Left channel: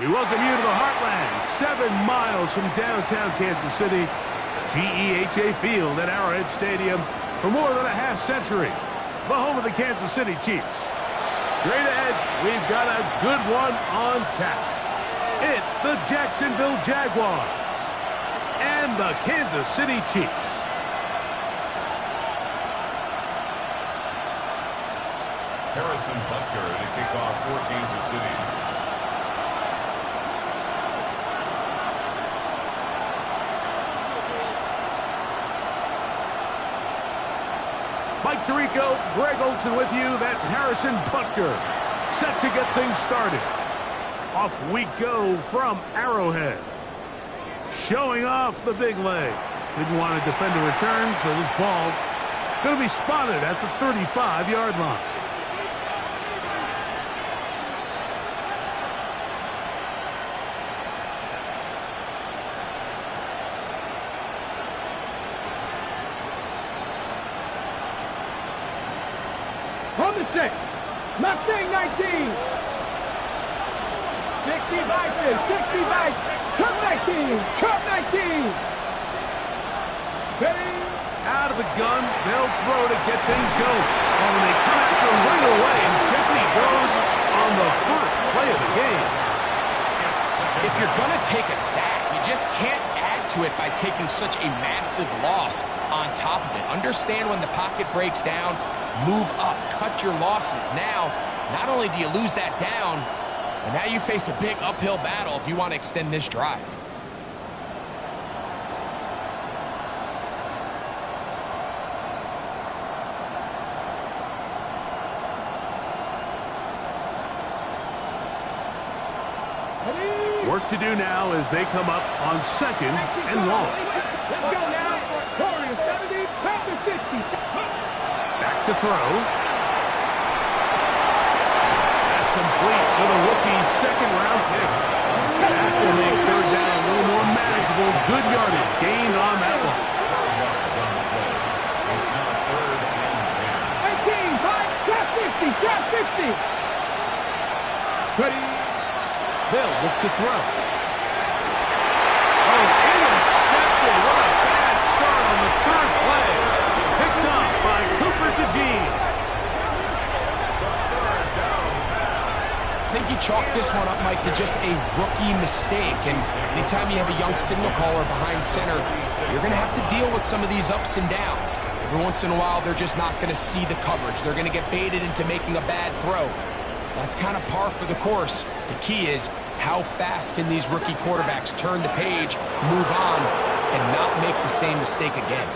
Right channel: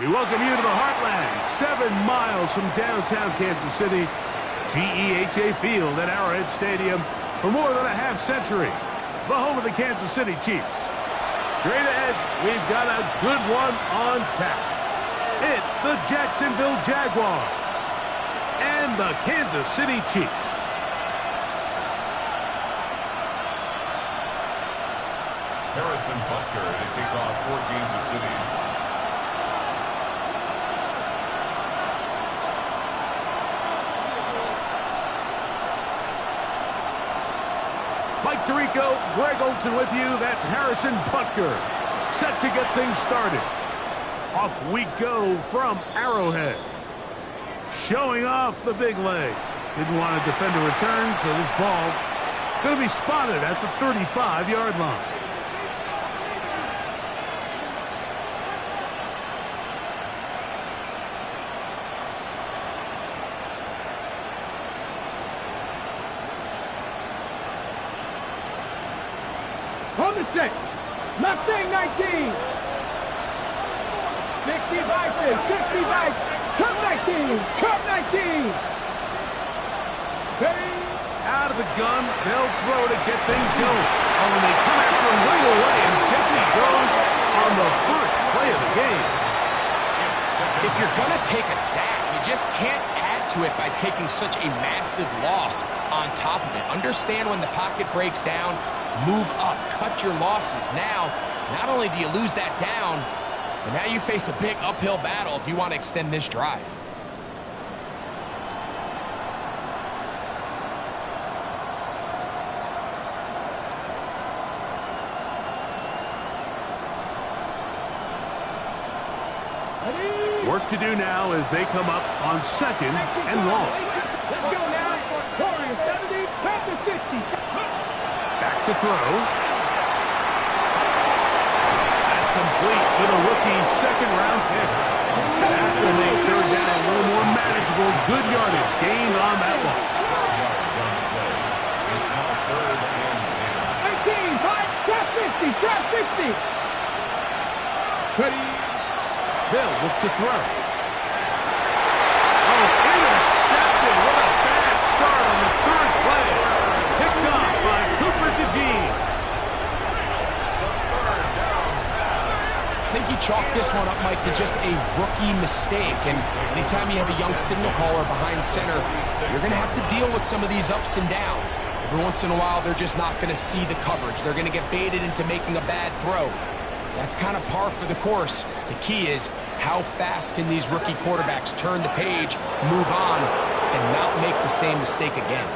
We welcome you to the Heartland, 7 miles from downtown Kansas City. GEHA Field at Arrowhead Stadium for more than a half-century. The home of the Kansas City Chiefs. Straight ahead, we've got a good one on tap. It's the Jacksonville Jaguars and the Kansas City Chiefs. Harrison Butker to kick off for Kansas City. Mike Tirico, Greg Olson with you. That's Harrison Butker, set to get things started. Off we go from Arrowhead. Showing off the big leg. Didn't want to defend a return, so this ball going to be spotted at the 35-yard line. On the 6, Mustang 19. 60 Bison, 60 Bison, Cup 19, Cup 19. Ready? Out of the gun, they'll throw to get things going. Oh, and they come after him right away, and Deputy goes on the first play of the game. If you're going to take a sack, you just can't add to it by taking such a massive loss on top of it. Understand when the pocket breaks down, move up, cut your losses. Now, not only do you lose that down, but now you face a big uphill battle if you want to extend this drive. Work to do now as they come up on 2nd and long. Let's go now. Warriors 70, Panther 60. Back to throw. That's complete to the rookie's second-round pick. That will make third down a little more manageable. Good yardage gained on that one. Yards on the play. It's now 3rd and 18, 5, trap 50, trap 50. Ready? They'll look to throw. Oh, intercepted. What a bad start on the 3rd play. Picked off by Cooper DeJean. The 3rd down pass. I think you chalk this one up, Mike, to just a rookie mistake. And anytime you have a young signal caller behind center, you're going to have to deal with some of these ups and downs. Every once in a while, they're just not going to see the coverage. They're going to get baited into making a bad throw. That's kind of par for the course. The key is how fast can these rookie quarterbacks turn the page, move on, and not make the same mistake again.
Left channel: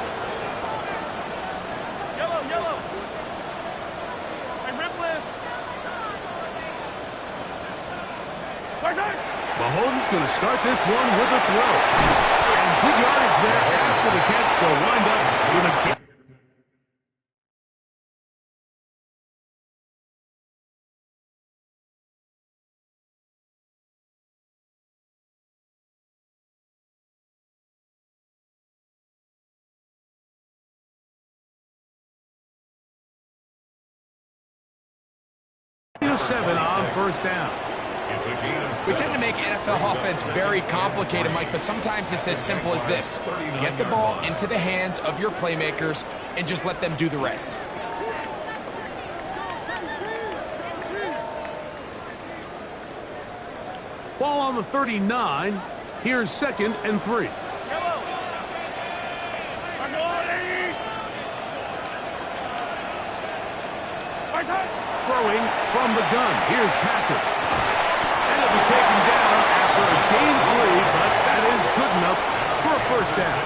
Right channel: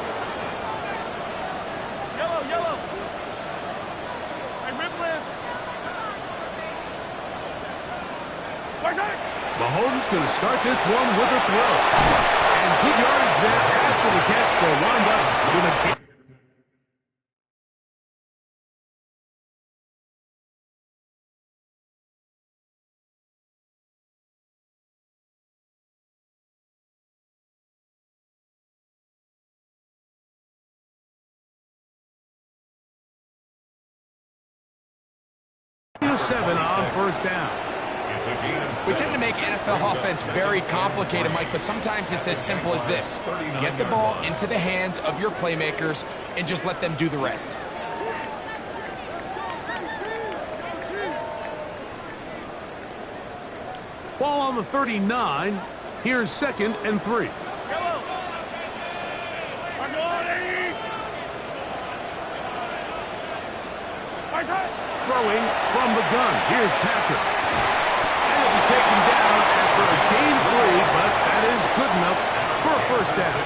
Yellow, yellow. Hey, Ripley. Mahomes going to start this one with a throw. And good yardage there after the catch. They'll wind up with a game. Seven on first down. It's a gain of 7. We tend to make NFL offense very complicated, Mike, but sometimes it's as simple as this. Get the ball into the hands of your playmakers and just let them do the rest. Ball on the 39. Here's 2nd and 3. Throwing from the gun. Here's Patrick. And he'll be taken down after a gain of 3, but that is good enough for a first down.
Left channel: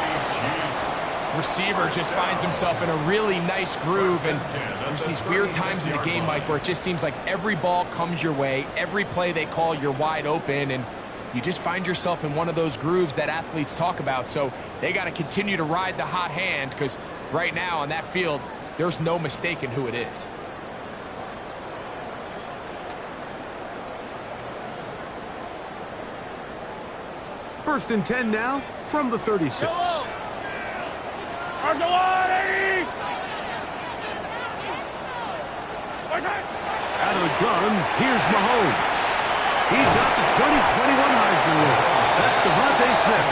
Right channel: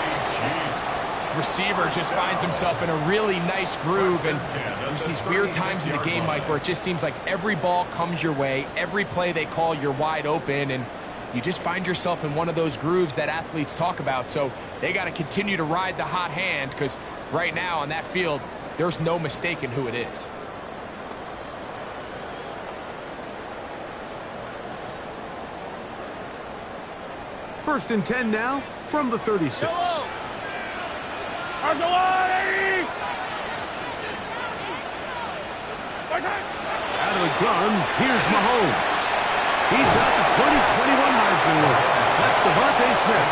Receiver just finds himself in a really nice groove, and there's these weird times in the game, Mike, where it just seems like every ball comes your way, every play they call, you're wide open, and you just find yourself in one of those grooves that athletes talk about. So they got to continue to ride the hot hand, because right now on that field, there's no mistaking who it is. First and 10 now from the 36. Out Out of the gun, here's Mahomes. He's got the 2021 Heisman winner. That's Devontae Smith.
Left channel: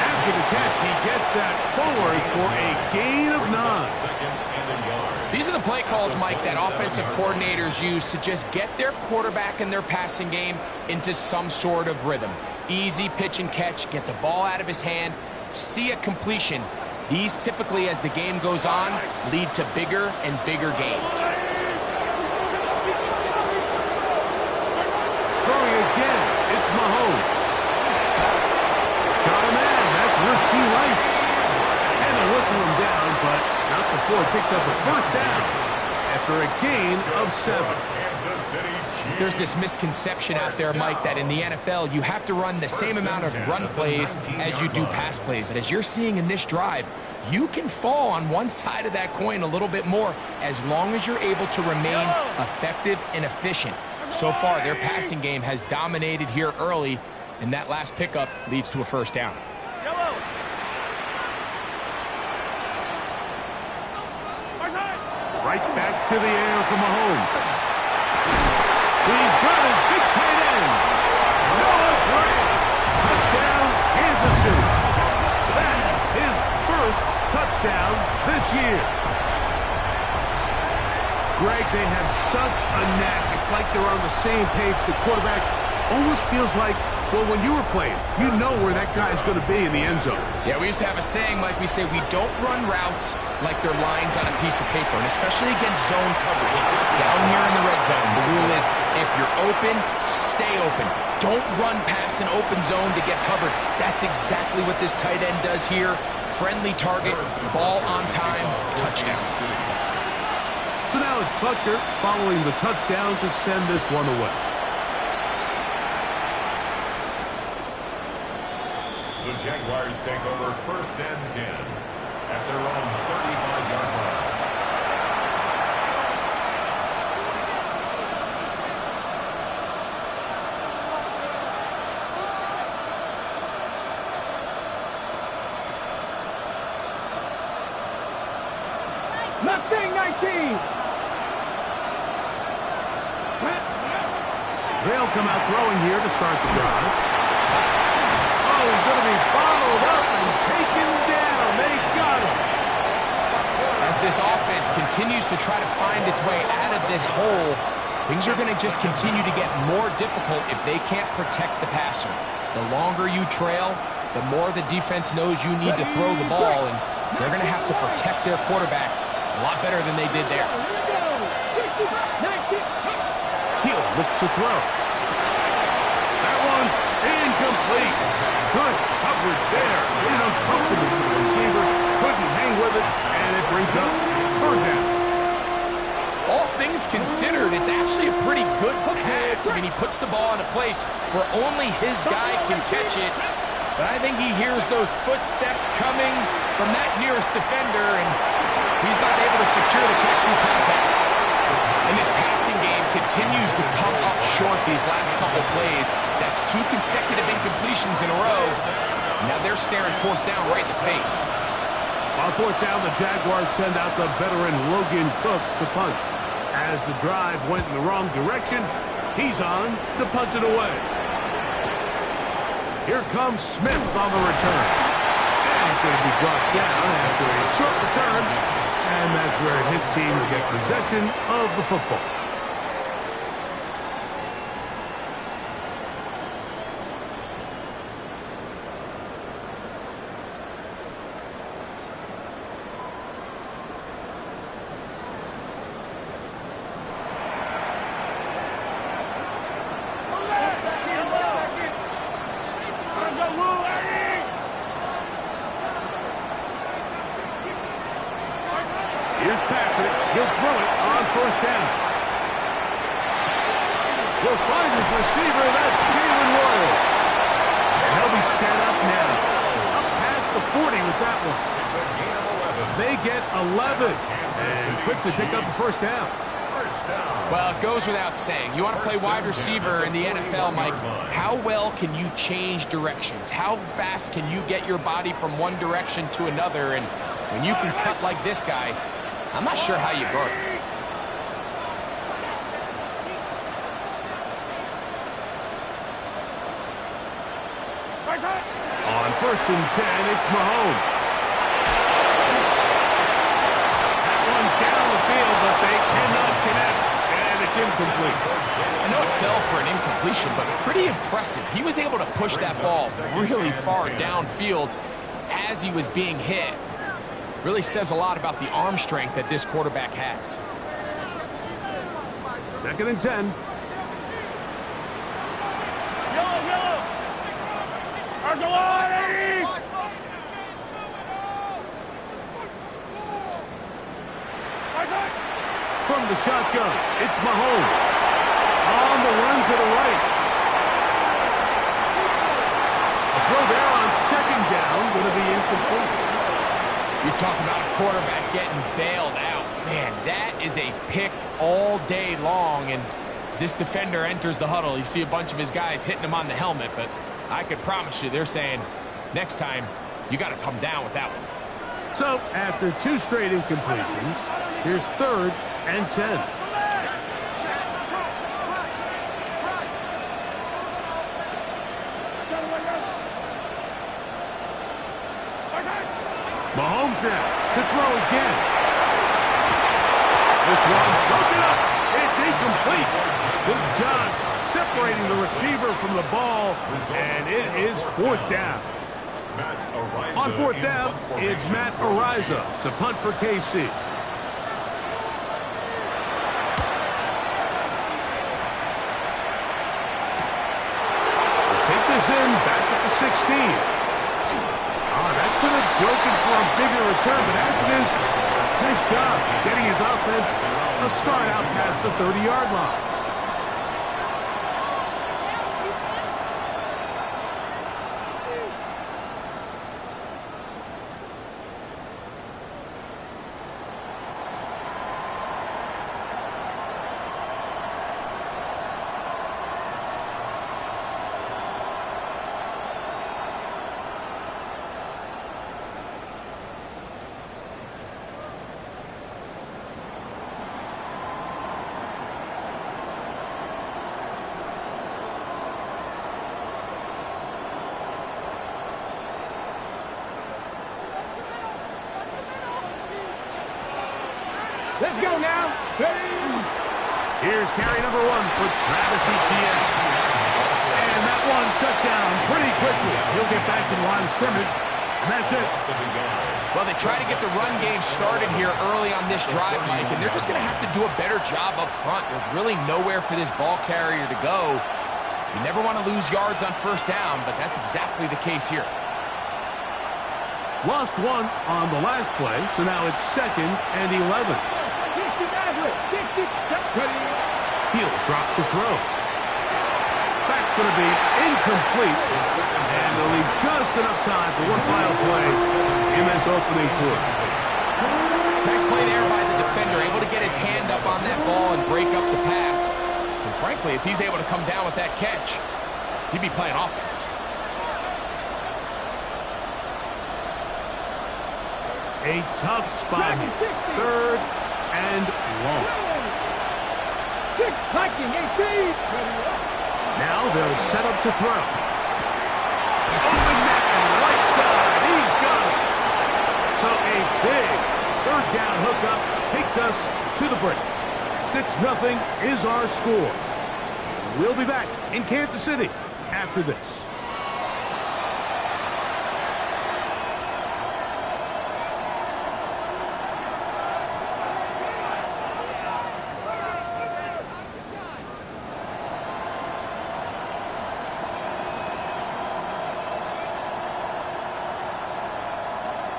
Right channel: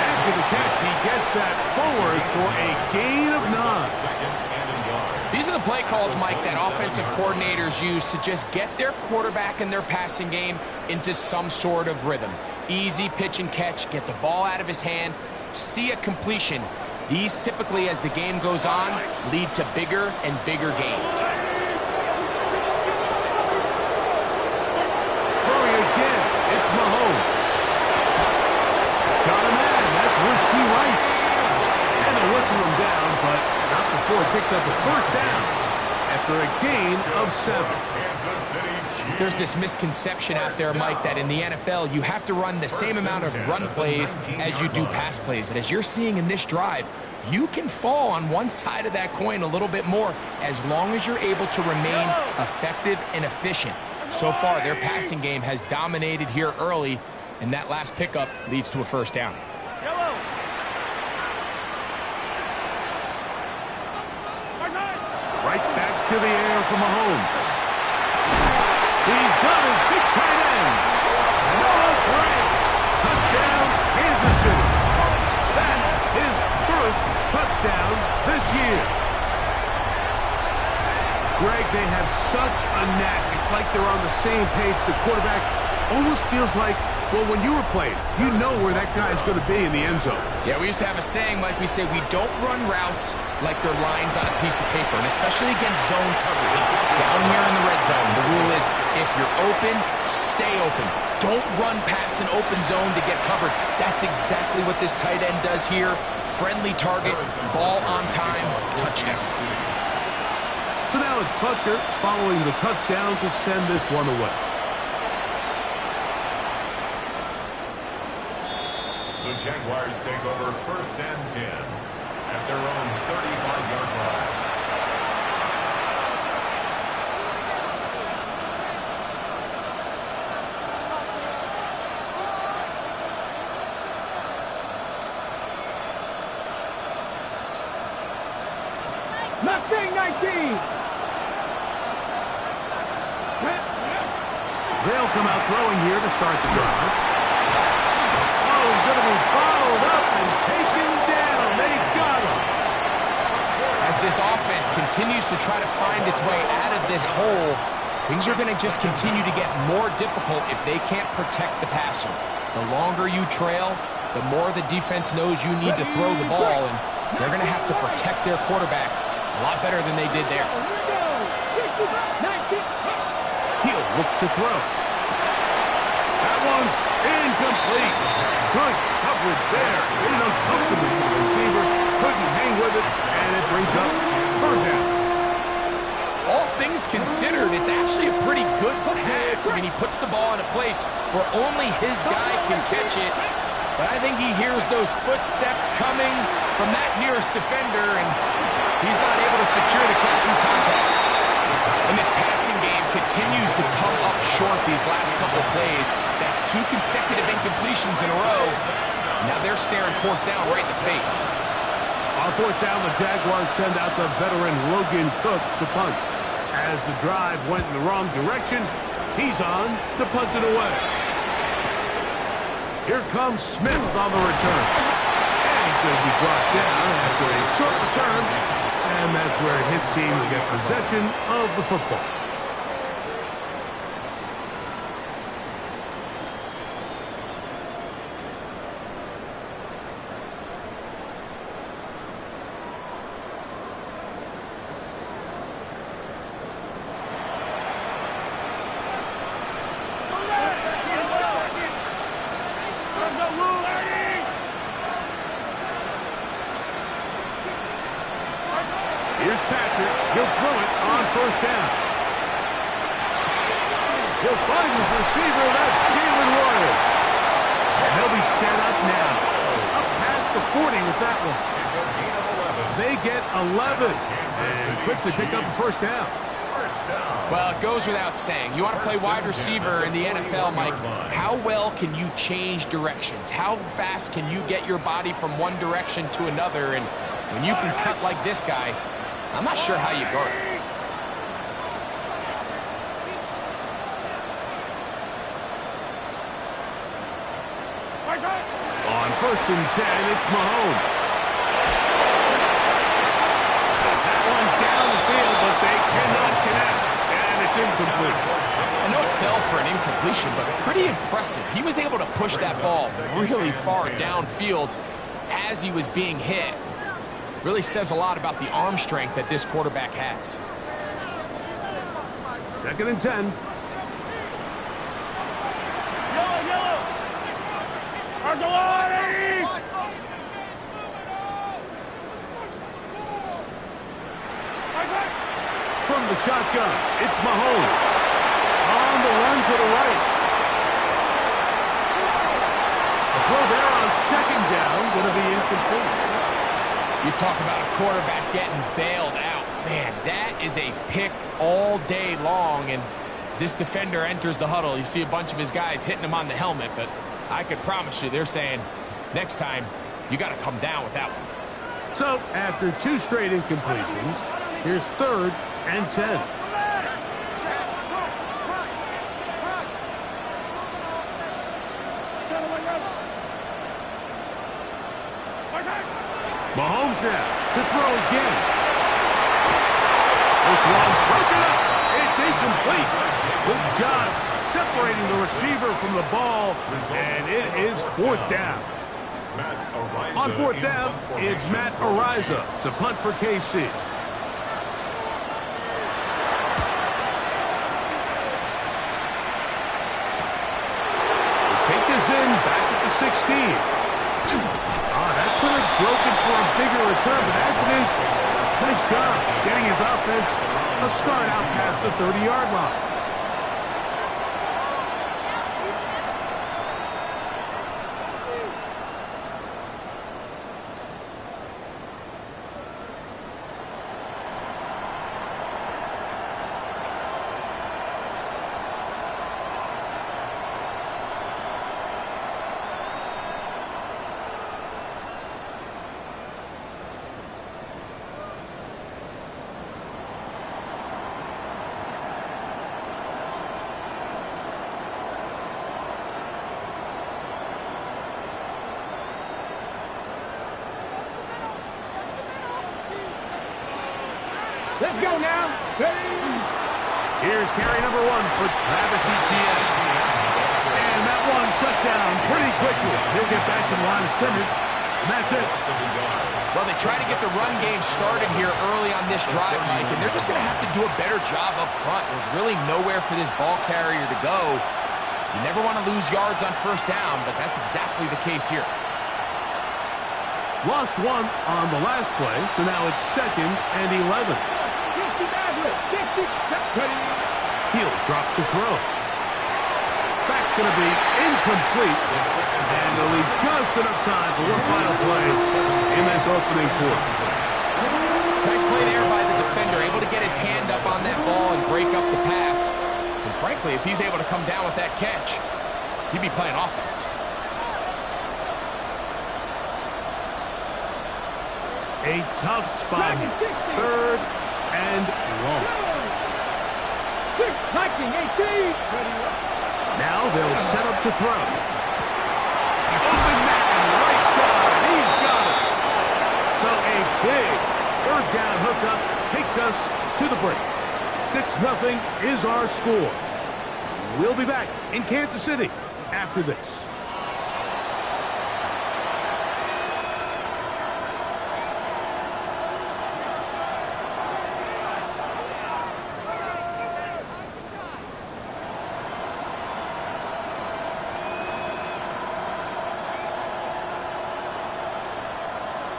After the catch, he gets that forward for a gain of 9. Second and a yard. These are the play calls, Mike, that offensive coordinators use to just get their quarterback and their passing game into some sort of rhythm. Easy pitch and catch, get the ball out of his hand, see a completion. These typically, as the game goes on, lead to bigger and bigger gains. Throwing again, it's Mahomes. Got a man, that's Rasheed Rice. And they'll whistle him down, but not before it picks up a first down after a gain of 7. Kansas City Chiefs. There's this misconception out there, Mike, that in the NFL, you have to run the same amount of run plays as you do pass plays. But as you're seeing in this drive, you can fall on one side of that coin a little bit more as long as you're able to remain effective and efficient. So far, their passing game has dominated here early, and that last pickup leads to a first down. Right back to the air for Mahomes. He's got his big tight end. Noah Gray. Touchdown, Kansas City. That is first touchdown this year. Greg, they have such a knack. It's like they're on the same page. The quarterback almost feels like, well, when you were playing, you know where that guy's going to be in the end zone. Yeah, we used to have a saying, like we say, we don't run routes like they're lines on a piece of paper, and especially against zone coverage. Down here in the red zone, the rule is if you're open, stay open. Don't run past an open zone to get covered. That's exactly what this tight end does here. Friendly target, ball on time, touchdown. So now it's Butker following the touchdown to send this one away. The Jaguars take over first and 10 at their own 35-yard line. Mustang 19. They'll come out throwing here to start the drive. Oh, he's going to be bottled up and taken down. They got him. As this offense continues to try to find its way out of this hole, things are going to just continue to get more difficult if they can't protect the passer. The longer you trail, the more the defense knows you need to throw the ball, and they're going to have to protect their quarterback a lot better than they did there. He'll look to throw. That one's incomplete. Good coverage there. Made it uncomfortable for the receiver. Couldn't hang with it, and it brings up third down. All things considered, it's actually a pretty good pass. I mean, he puts the ball in a place where only his guy can catch it. But I think he hears those footsteps coming from that nearest defender, and he's not able to secure the catch through contact. And this passing game continues to come up short these last couple plays. That's 2 consecutive incompletions in a row. Now they're staring fourth down right in the face. On fourth down, the Jaguars send out the veteran Logan Cook to punt. As the drive went in the wrong direction, he's on to punt it away. Here comes Smith on the return. And he's going to be brought down after a short return. And that's where his team will get possession of the football. Here's Patrick. He'll throw it on first down. He'll find his receiver. That's Jalen Royal. And they'll be set up now. Up past the 40 with that one. It's a gain of 11. They get 11. And quickly pick up the first down. First down. Well, it goes without saying. You want to play wide receiver in the NFL, Mike. How well can you change directions? How fast can you get your body from one direction to another? And when you can cut like this guy, I'm not sure how you guard it. On 1st and 10, it's Mahomes. That one down the field, but they cannot connect. And it's incomplete. I know it fell for an incompletion, but pretty impressive. He was able to push that ball really far downfield as he was being hit. Really says a lot about the arm strength that this quarterback has. 2nd and 10. From the shotgun, it's Mahomes. On the run to the right. A throw there on 2nd down, going to be incomplete. You talk about a quarterback getting bailed out. Man, that is a pick all day long. And as this defender enters the huddle, you see a bunch of his guys hitting him on the helmet. But I could promise you, they're saying, next time, you got to come down with that one. So, after 2 straight incompletions, here's 3rd and 10. Mahomes now to throw again. This one broken up. It's incomplete. Good job separating the receiver from the ball, and it is 4th down. On 4th down, it's Matt Ariza to punt for KC. We'll take this in back at the 16. That could have broken for a bigger return, but as it is, nice job getting his offense a start out past the 30-yard line. Let's go now. Here's carry number 1 for Travis Etienne. And that one shut down pretty quickly. He'll get back to the line of scrimmage, and that's it. Well, they try to get the run game started here early on this drive, Mike, and they're just going to have to do a better job up front. There's really nowhere for this ball carrier to go. You never want to lose yards on 1st down, but that's exactly the case here. Lost 1 on the last play, so now it's 2nd and 11. Hill drops the throw. That's going to be incomplete, and they'll leave just enough time for one final play in this opening quarter. Nice play there by the defender, able to get his hand up on that ball and break up the pass. And frankly, if he's able to come down with that catch, he'd be playing offense. A tough spot here. 3rd and long. Now they'll set up to throw. Open man, right side. He's got it. So a big 3rd down hookup takes us to the break. 6-0 is our score. We'll be back in Kansas City after this.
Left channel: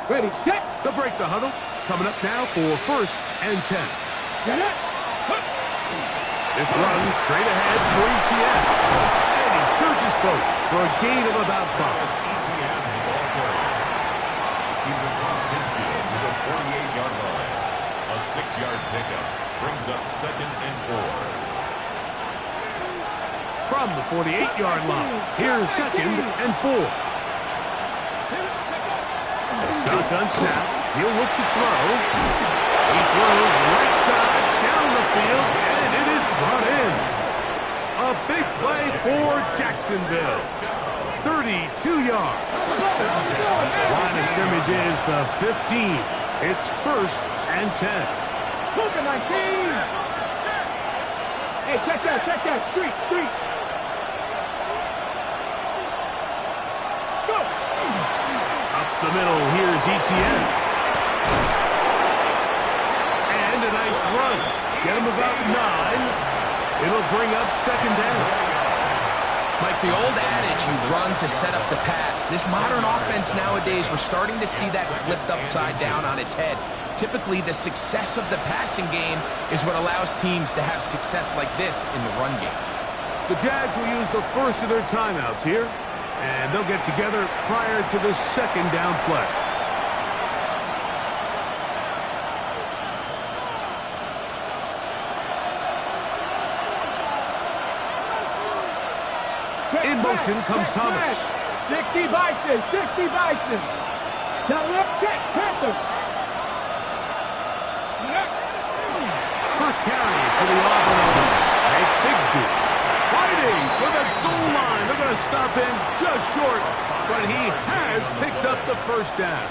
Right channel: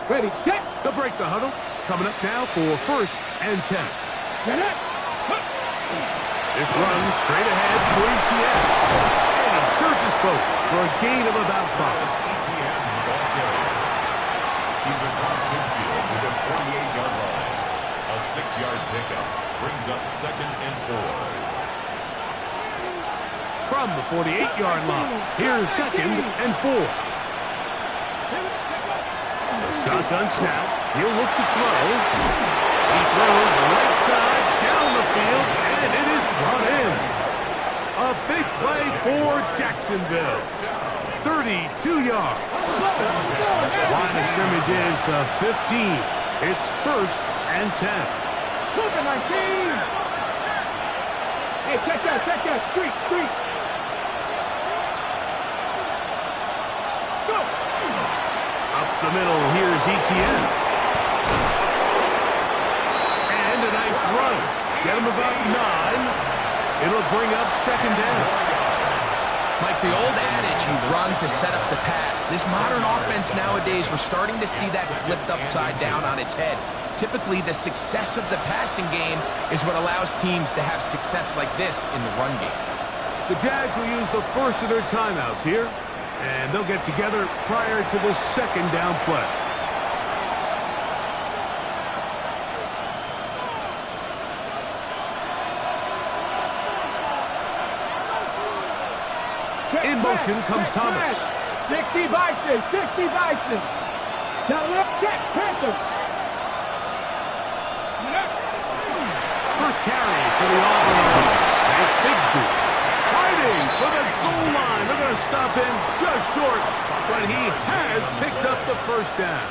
Ready, set. They'll break the huddle. Coming up now for 1st and 10. Get it. This run straight ahead for Etienne. And he surges forward for a gain of about 5. Etienne, the ball carrier. He's across midfield with a 48-yard line. A 6-yard pickup brings up 2nd and 4. From the 48-yard line, here's 2nd and 4. Shotgun snap. He'll look to throw. He throws right side down the field, and it is brought in. A A big play for Jacksonville. 32 yards. Line of scrimmage is the 15. It's 1st and 10. Cook it, 19. Hey, check that. Street. Let's go. Up the middle, here's Etienne. And a nice run. Get him about 9. It'll bring up 2nd down. Mike, the old adage, you run to set up the pass. This modern offense nowadays, we're starting to see that flipped upside down on its head. Typically, the success of the passing game is what allows teams to have success like this in the run game. The Jags will use the first of their timeouts here, and they'll get together prior to the 2nd down play. In motion comes Thomas. 60 Bison. Now left check, Panther. First carry for the Auburn alone. Hank Bigsby fighting for the goal line. They're going to stop him just short, but he has picked up the 1st down.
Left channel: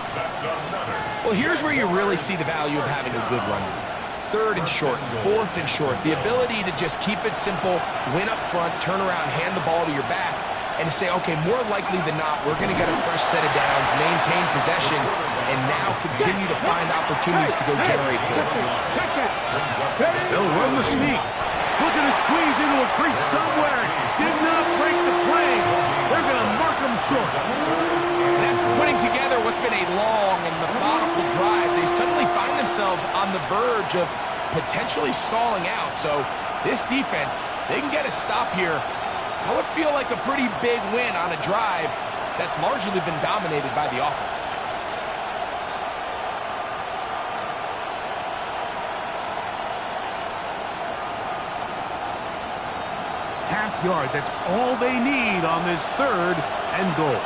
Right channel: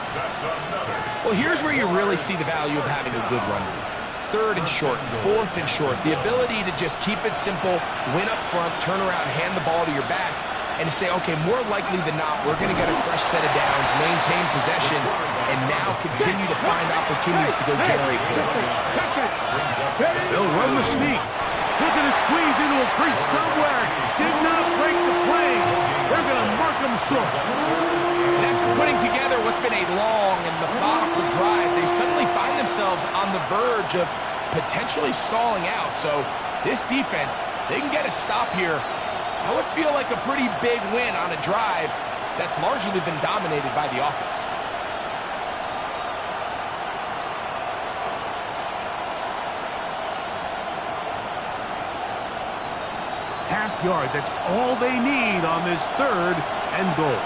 Well, here's where you really see the value of having a good run game. 3rd and short, 4th and short. The ability to just keep it simple, win up front, turn around, hand the ball to your back, and to say, okay, more likely than not, we're going to get a fresh set of downs, maintain possession, and now continue to find opportunities to go generate points. They'll run the sneak. Looking to squeeze into a crease somewhere. Did not break the plane. They're going to mark him short. And after putting together what's been a long and methodical drive, they suddenly find themselves on the verge of potentially stalling out. So this defense, they can get a stop here. That would feel like a pretty big win on a drive that's largely been dominated by the offense. Half yard, that's all they need on this 3rd and goal.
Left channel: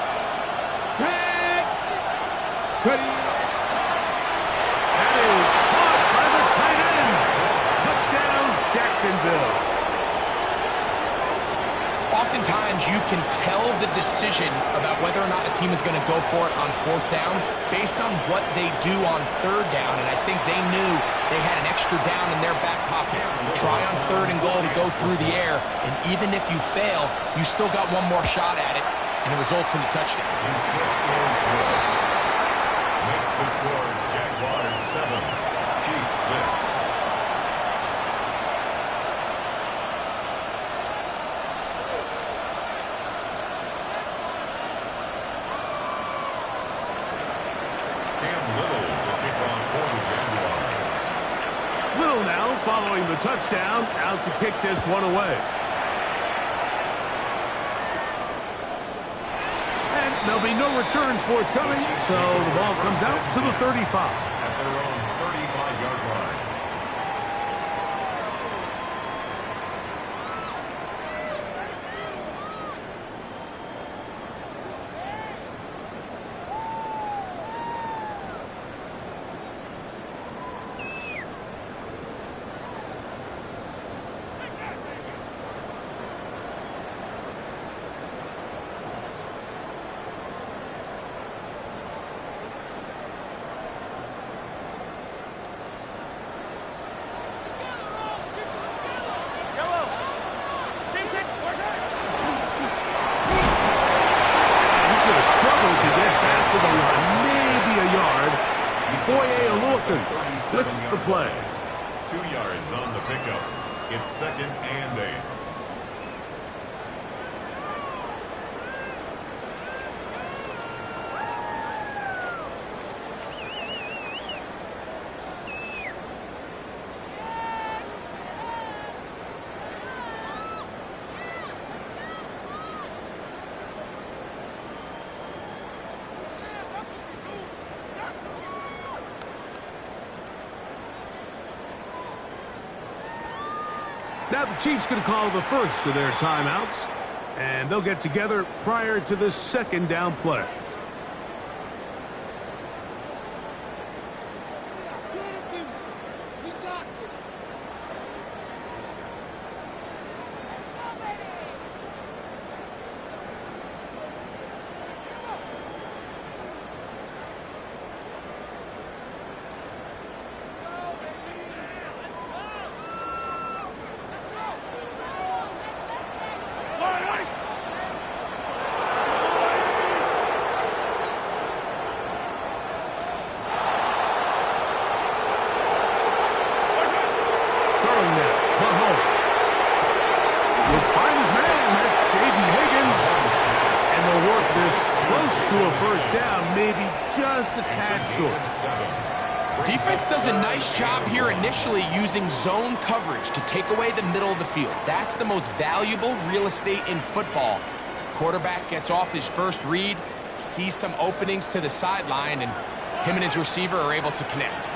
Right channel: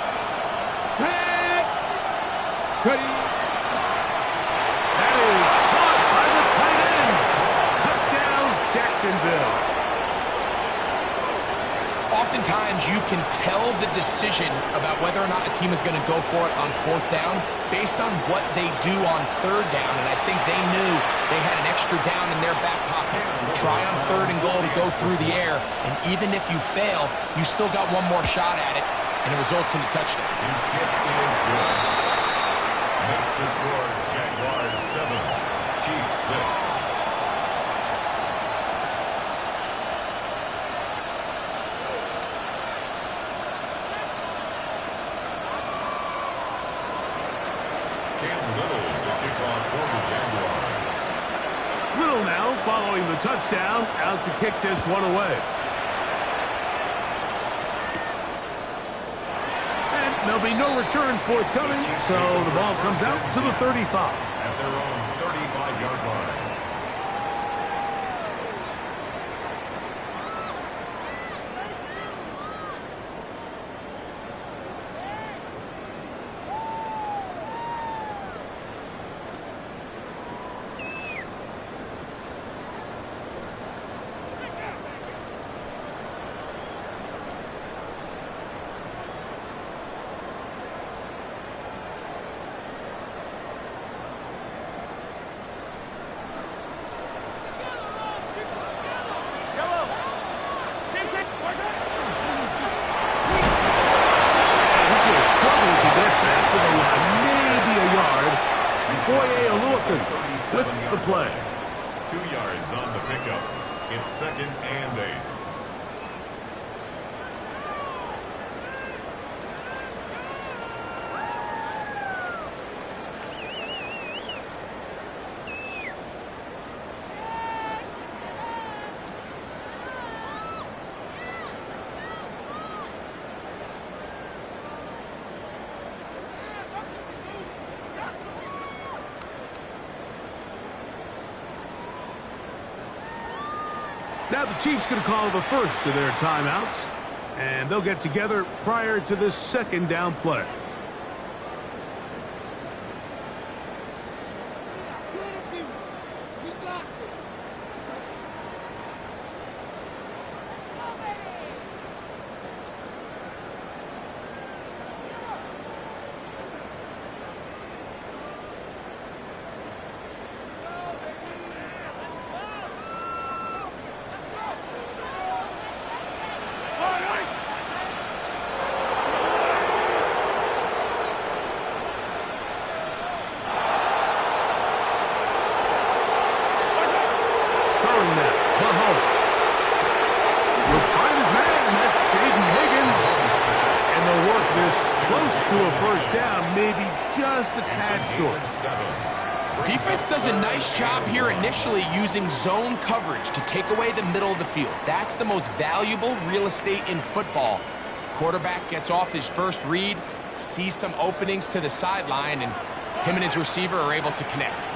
That is caught by the tight end. Touchdown, Jacksonville. Oftentimes, you can tell the decision about whether or not a team is going to go for it on 4th down based on what they do on 3rd down, and I think they knew they had an extra down in their back pocket. Try on 3rd and goal to go through the air, and even if you fail, you still got one more shot at it, and it results in a touchdown. His kick is good. Makes the score Jaguars 7, Chiefs 6. Little now following the touchdown, out to kick this one away. And there'll be no return forthcoming, so the ball comes out to the 35. At their own 35-yard line. With the play. 2 yards on the pickup. It's 2nd and 8. Now the Chiefs going to call the first of their timeouts, and they'll get together prior to the 2nd down play. We got this. Let's go, baby. close to a first down, maybe just a tad short. Defense does a nice job here initially using zone coverage to take away the middle of the field. That's the most valuable real estate in football. Quarterback gets off his first read, sees some openings to the sideline, and him and his receiver are able to connect.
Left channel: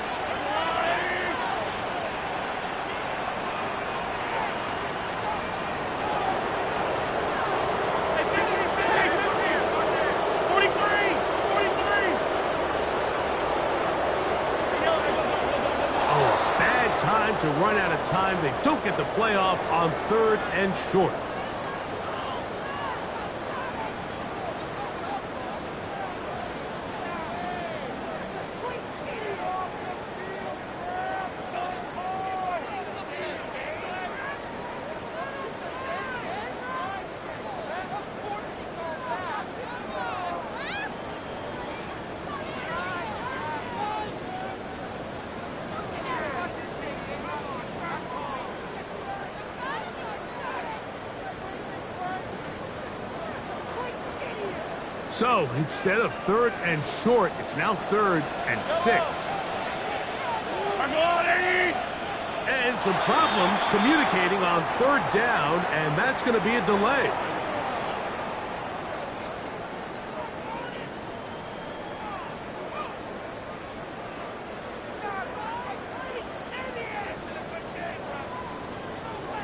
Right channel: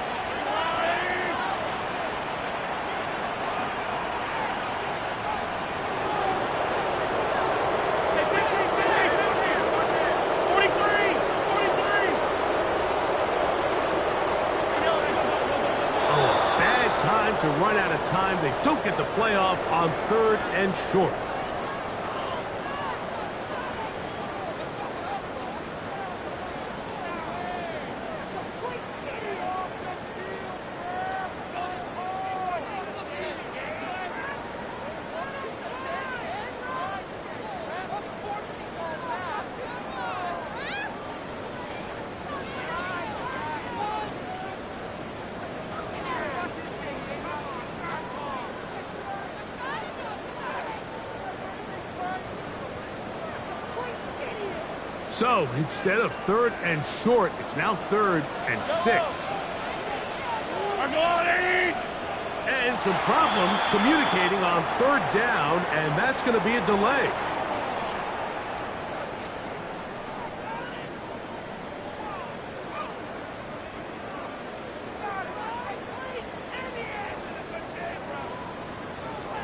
Time to run out of time. They don't get the playoff on 3rd and short. So, instead of 3rd and short, it's now 3rd and 6. And some problems communicating on 3rd down, and that's going to be a delay.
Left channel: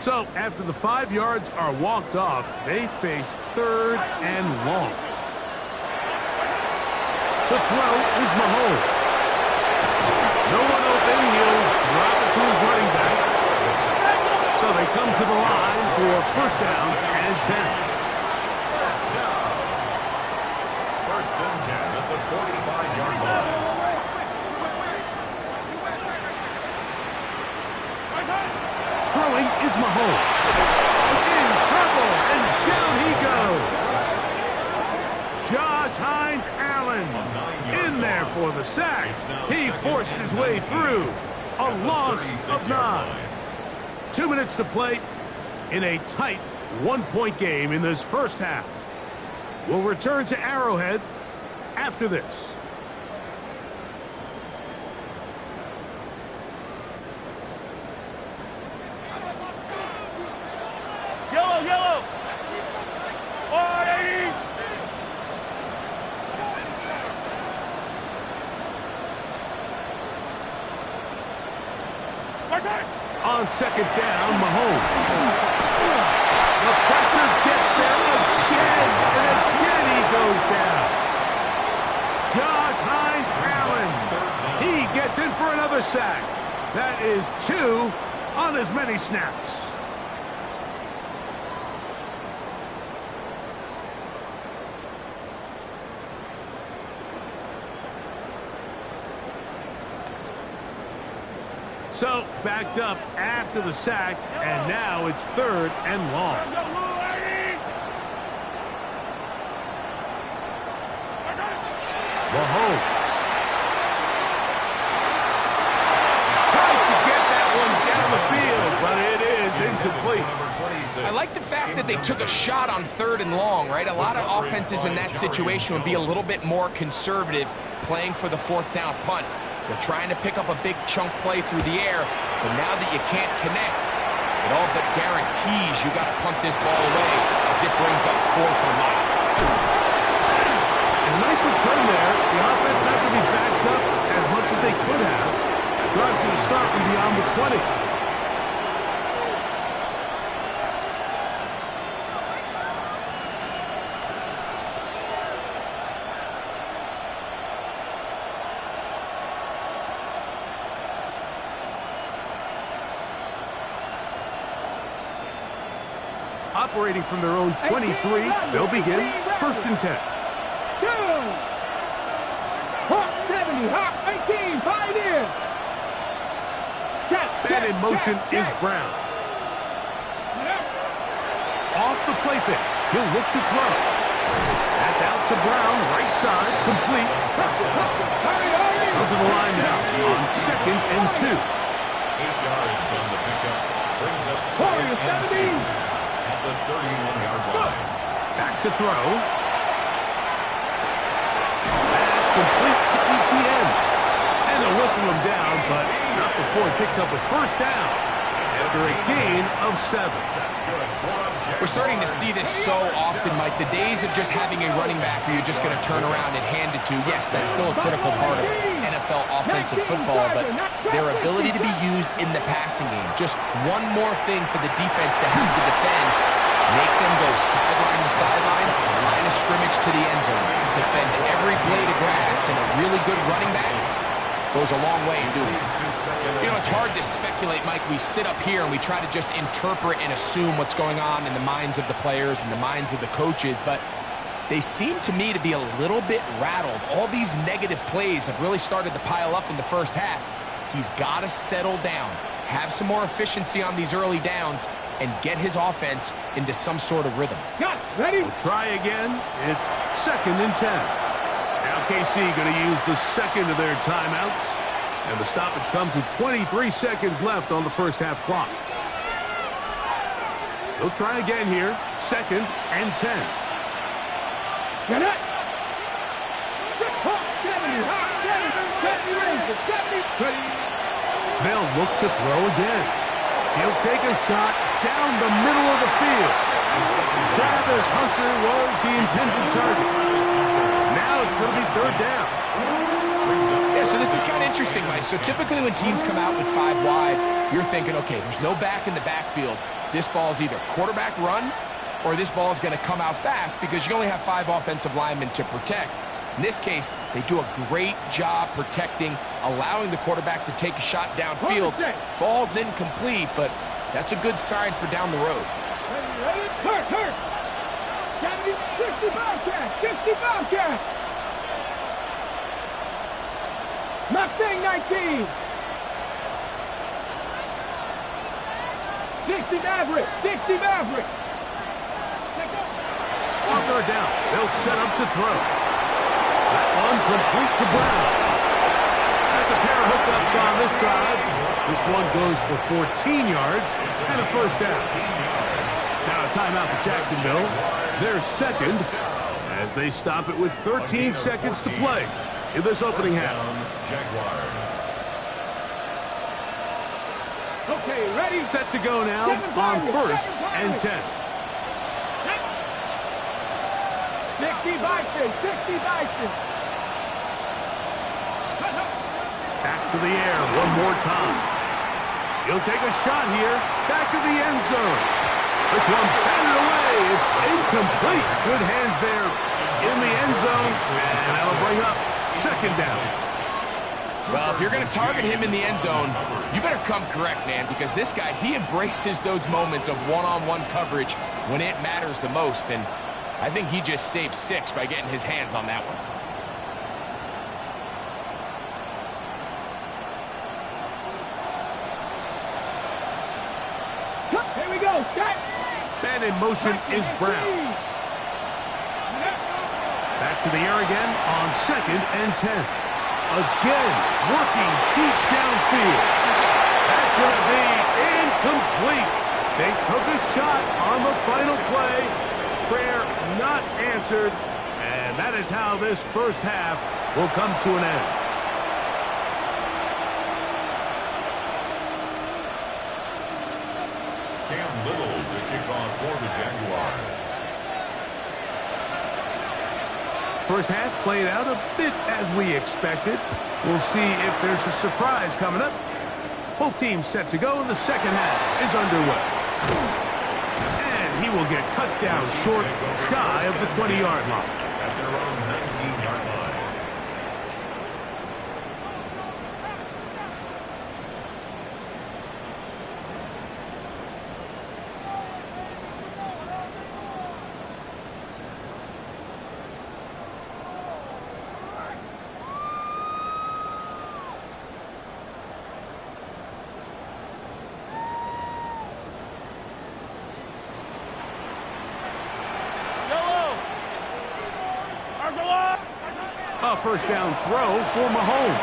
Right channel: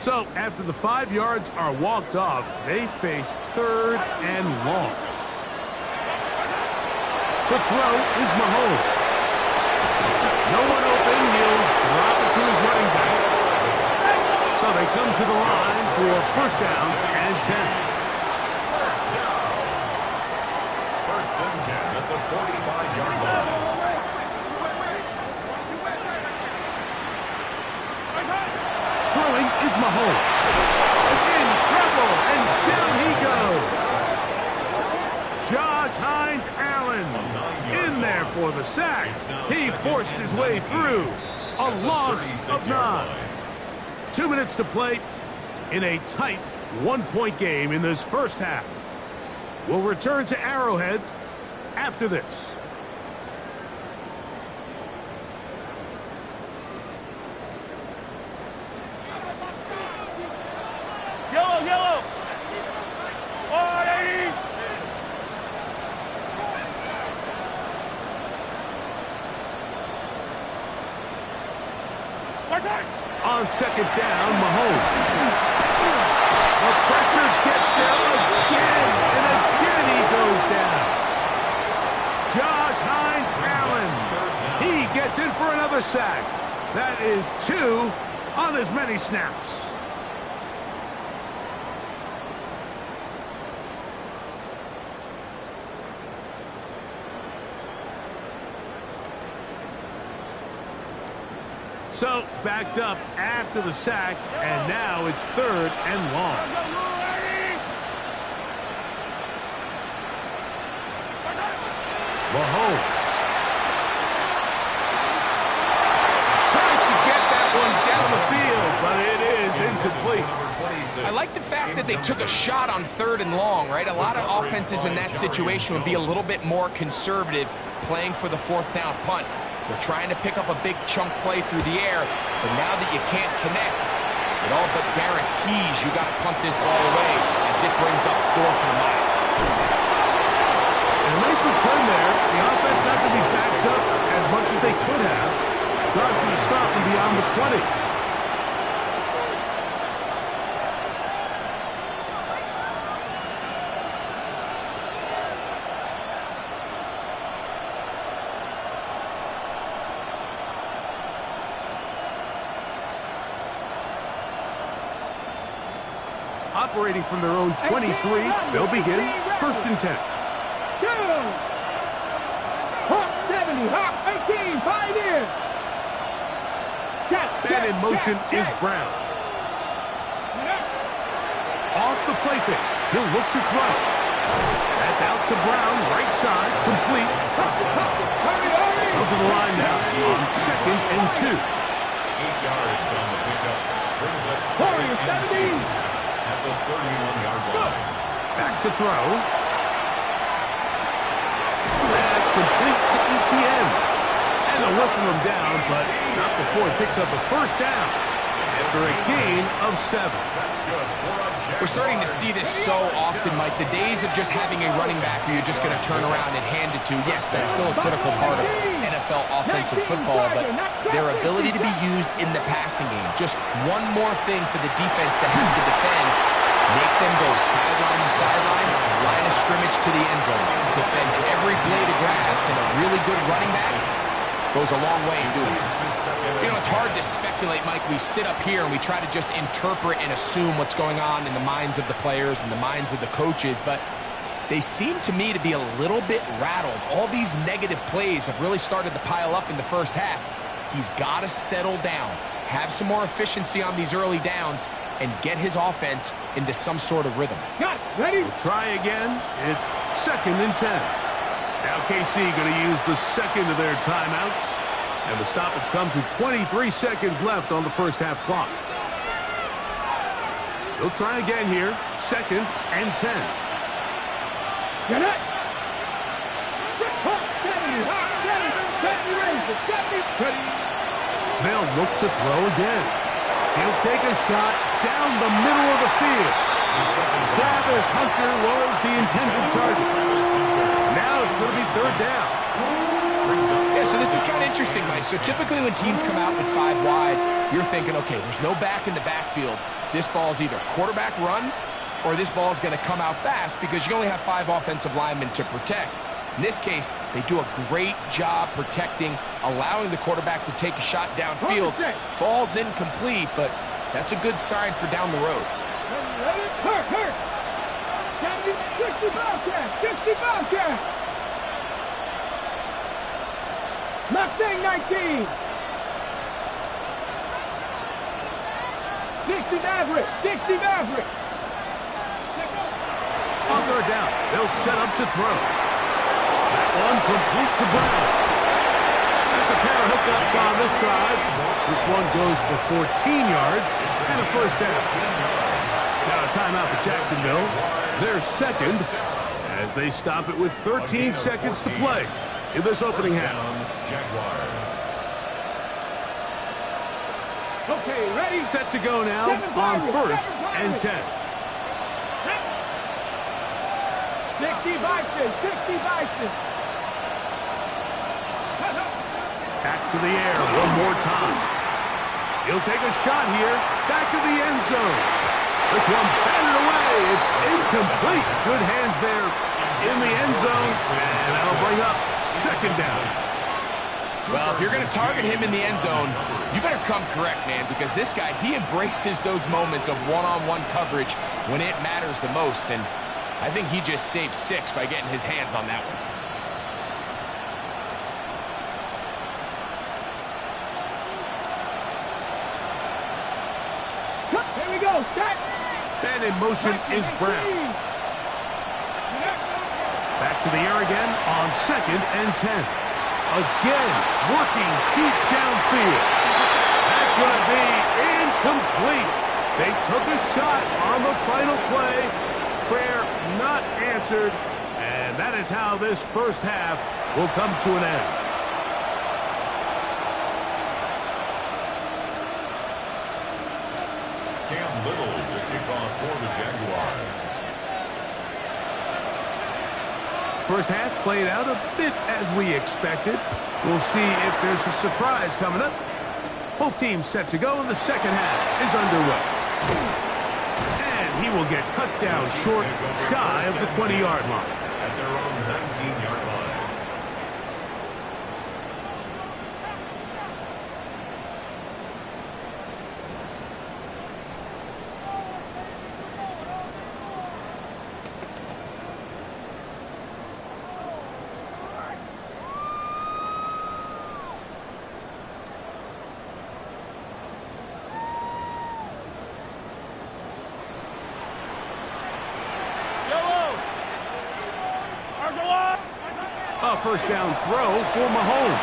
So, after the 5 yards are walked off, they face 3rd and long. To throw is Mahomes. No one open. He'll drop it to his running back. So they come to the line for first down and 10. First down. First and 10 at the 45-yard line. Throwing is Mahomes. In trouble, and down he goes. Josh Hines-Allen in there for the sack. He forced his way through. A loss of 9. 2 minutes to play in a tight 1-point game in this first half. We'll return to Arrowhead after this. Yellow! 180! On second down, Mahomes. The pressure gets there again, and again he goes down. Josh Hines-Allen. He gets in for another sack. That is 2 on as many snaps. So, backed up after the sack, and now it's 3rd and long. Mahomes tries to get that one down the field, but it is incomplete. I like the fact that they took a shot on 3rd and long, right? A lot of offenses in that situation would be a little bit more conservative playing for the 4th down punt. They're trying to pick up a big chunk play through the air, but now that you can't connect, it all but guarantees you got to punt this ball away as it brings up 4th and a mile. And a nice return there. The offense not going to be backed up as much as they could have. Drive's going to start from beyond the 20. Operating from their own 23, they'll begin 1st and 10. Hawk 70, Hawk 18, Pioneer. Man in motion is Brown. Off the play fake, he'll look to throw. That's out to Brown, right side, complete. Out to the line now on 2nd and 2. 8 yards on the pickup. Brings up 2nd and 2 at the 31-yard line. Back to throw. complete to ETN. And they'll whistle him down, but not before he picks up a first down after a gain of 7. That's good. We're starting to see this so often, Mike. The days of just having a running back who you're just going to turn around and hand it to, yes, that's still a critical part of NFL offensive football, but their ability to be used in the passing game, just one more thing for the defense to have to defend, make them go sideline to sideline, line of scrimmage to the end zone, defend every blade of grass, and a really good running back goes a long way in doing it. You know, it's hard to speculate, Mike. We sit up here and we try to just interpret and assume what's going on in the minds of the players and the minds of the coaches, but they seem to me to be a little bit rattled. All these negative plays have really started to pile up in the first half. He's got to settle down, have some more efficiency on these early downs, and get his offense into some sort of rhythm. Got it. Ready? We'll try again. It's 2nd and 10. Now KC going to use the second of their timeouts. And the stoppage comes with 23 seconds left on the first half clock. They'll try again here. 2nd and 10. Get it. 70. They'll look to throw again. He'll take a shot down the middle of the field. Travis Hunter was the intended target. Now it's going to be 3rd down. Yeah, so this is kind of interesting, Mike. So typically when teams come out with 5 wide, you're thinking, okay, there's no back in the backfield. This ball is either quarterback run or this ball is going to come out fast because you only have 5 offensive linemen to protect. In this case, they do a great job protecting, allowing the quarterback to take a shot downfield. Falls incomplete, but that's a good sign for down the road. Ready? Hurt. 60 Bobcat. Mustang 19. 60 Maverick. On 3rd down, they'll set up to throw. That one complete to Brown. That's a pair of hookups on this drive. This one goes for 14 yards and a first down. Now a timeout for Jacksonville. Their 2nd as they stop it with 13 seconds to play in this opening half. Jaguars. Okay, ready? Set to go now on 1st and 10. 60 Bison. Back to the air one more time. He'll take a shot here. Back to the end zone. This one batted away. It's incomplete. Good hands there in the end zone. And that'll bring up 2nd down. Well, if you're going to target him in the end zone, you better come correct, man, because this guy, he embraces those moments of one-on-one coverage when it matters the most. And I think he just saved 6 by getting his hands on that one. Here we go. Set. And in motion is Brown. Back to the air again on 2nd and 10. Again, working deep downfield. That's going to be incomplete. They took a shot on the final play. Prayer not answered. And that is how this first half will come to an end. Cam Little to kick off for the Jaguars. First half played out a bit as we expected. We'll see if there's a surprise coming up. Both teams set to go, and the second half is underway. And he will get cut down short, shy of the 20-yard line. At their own 19-yard line. A first down throw for Mahomes.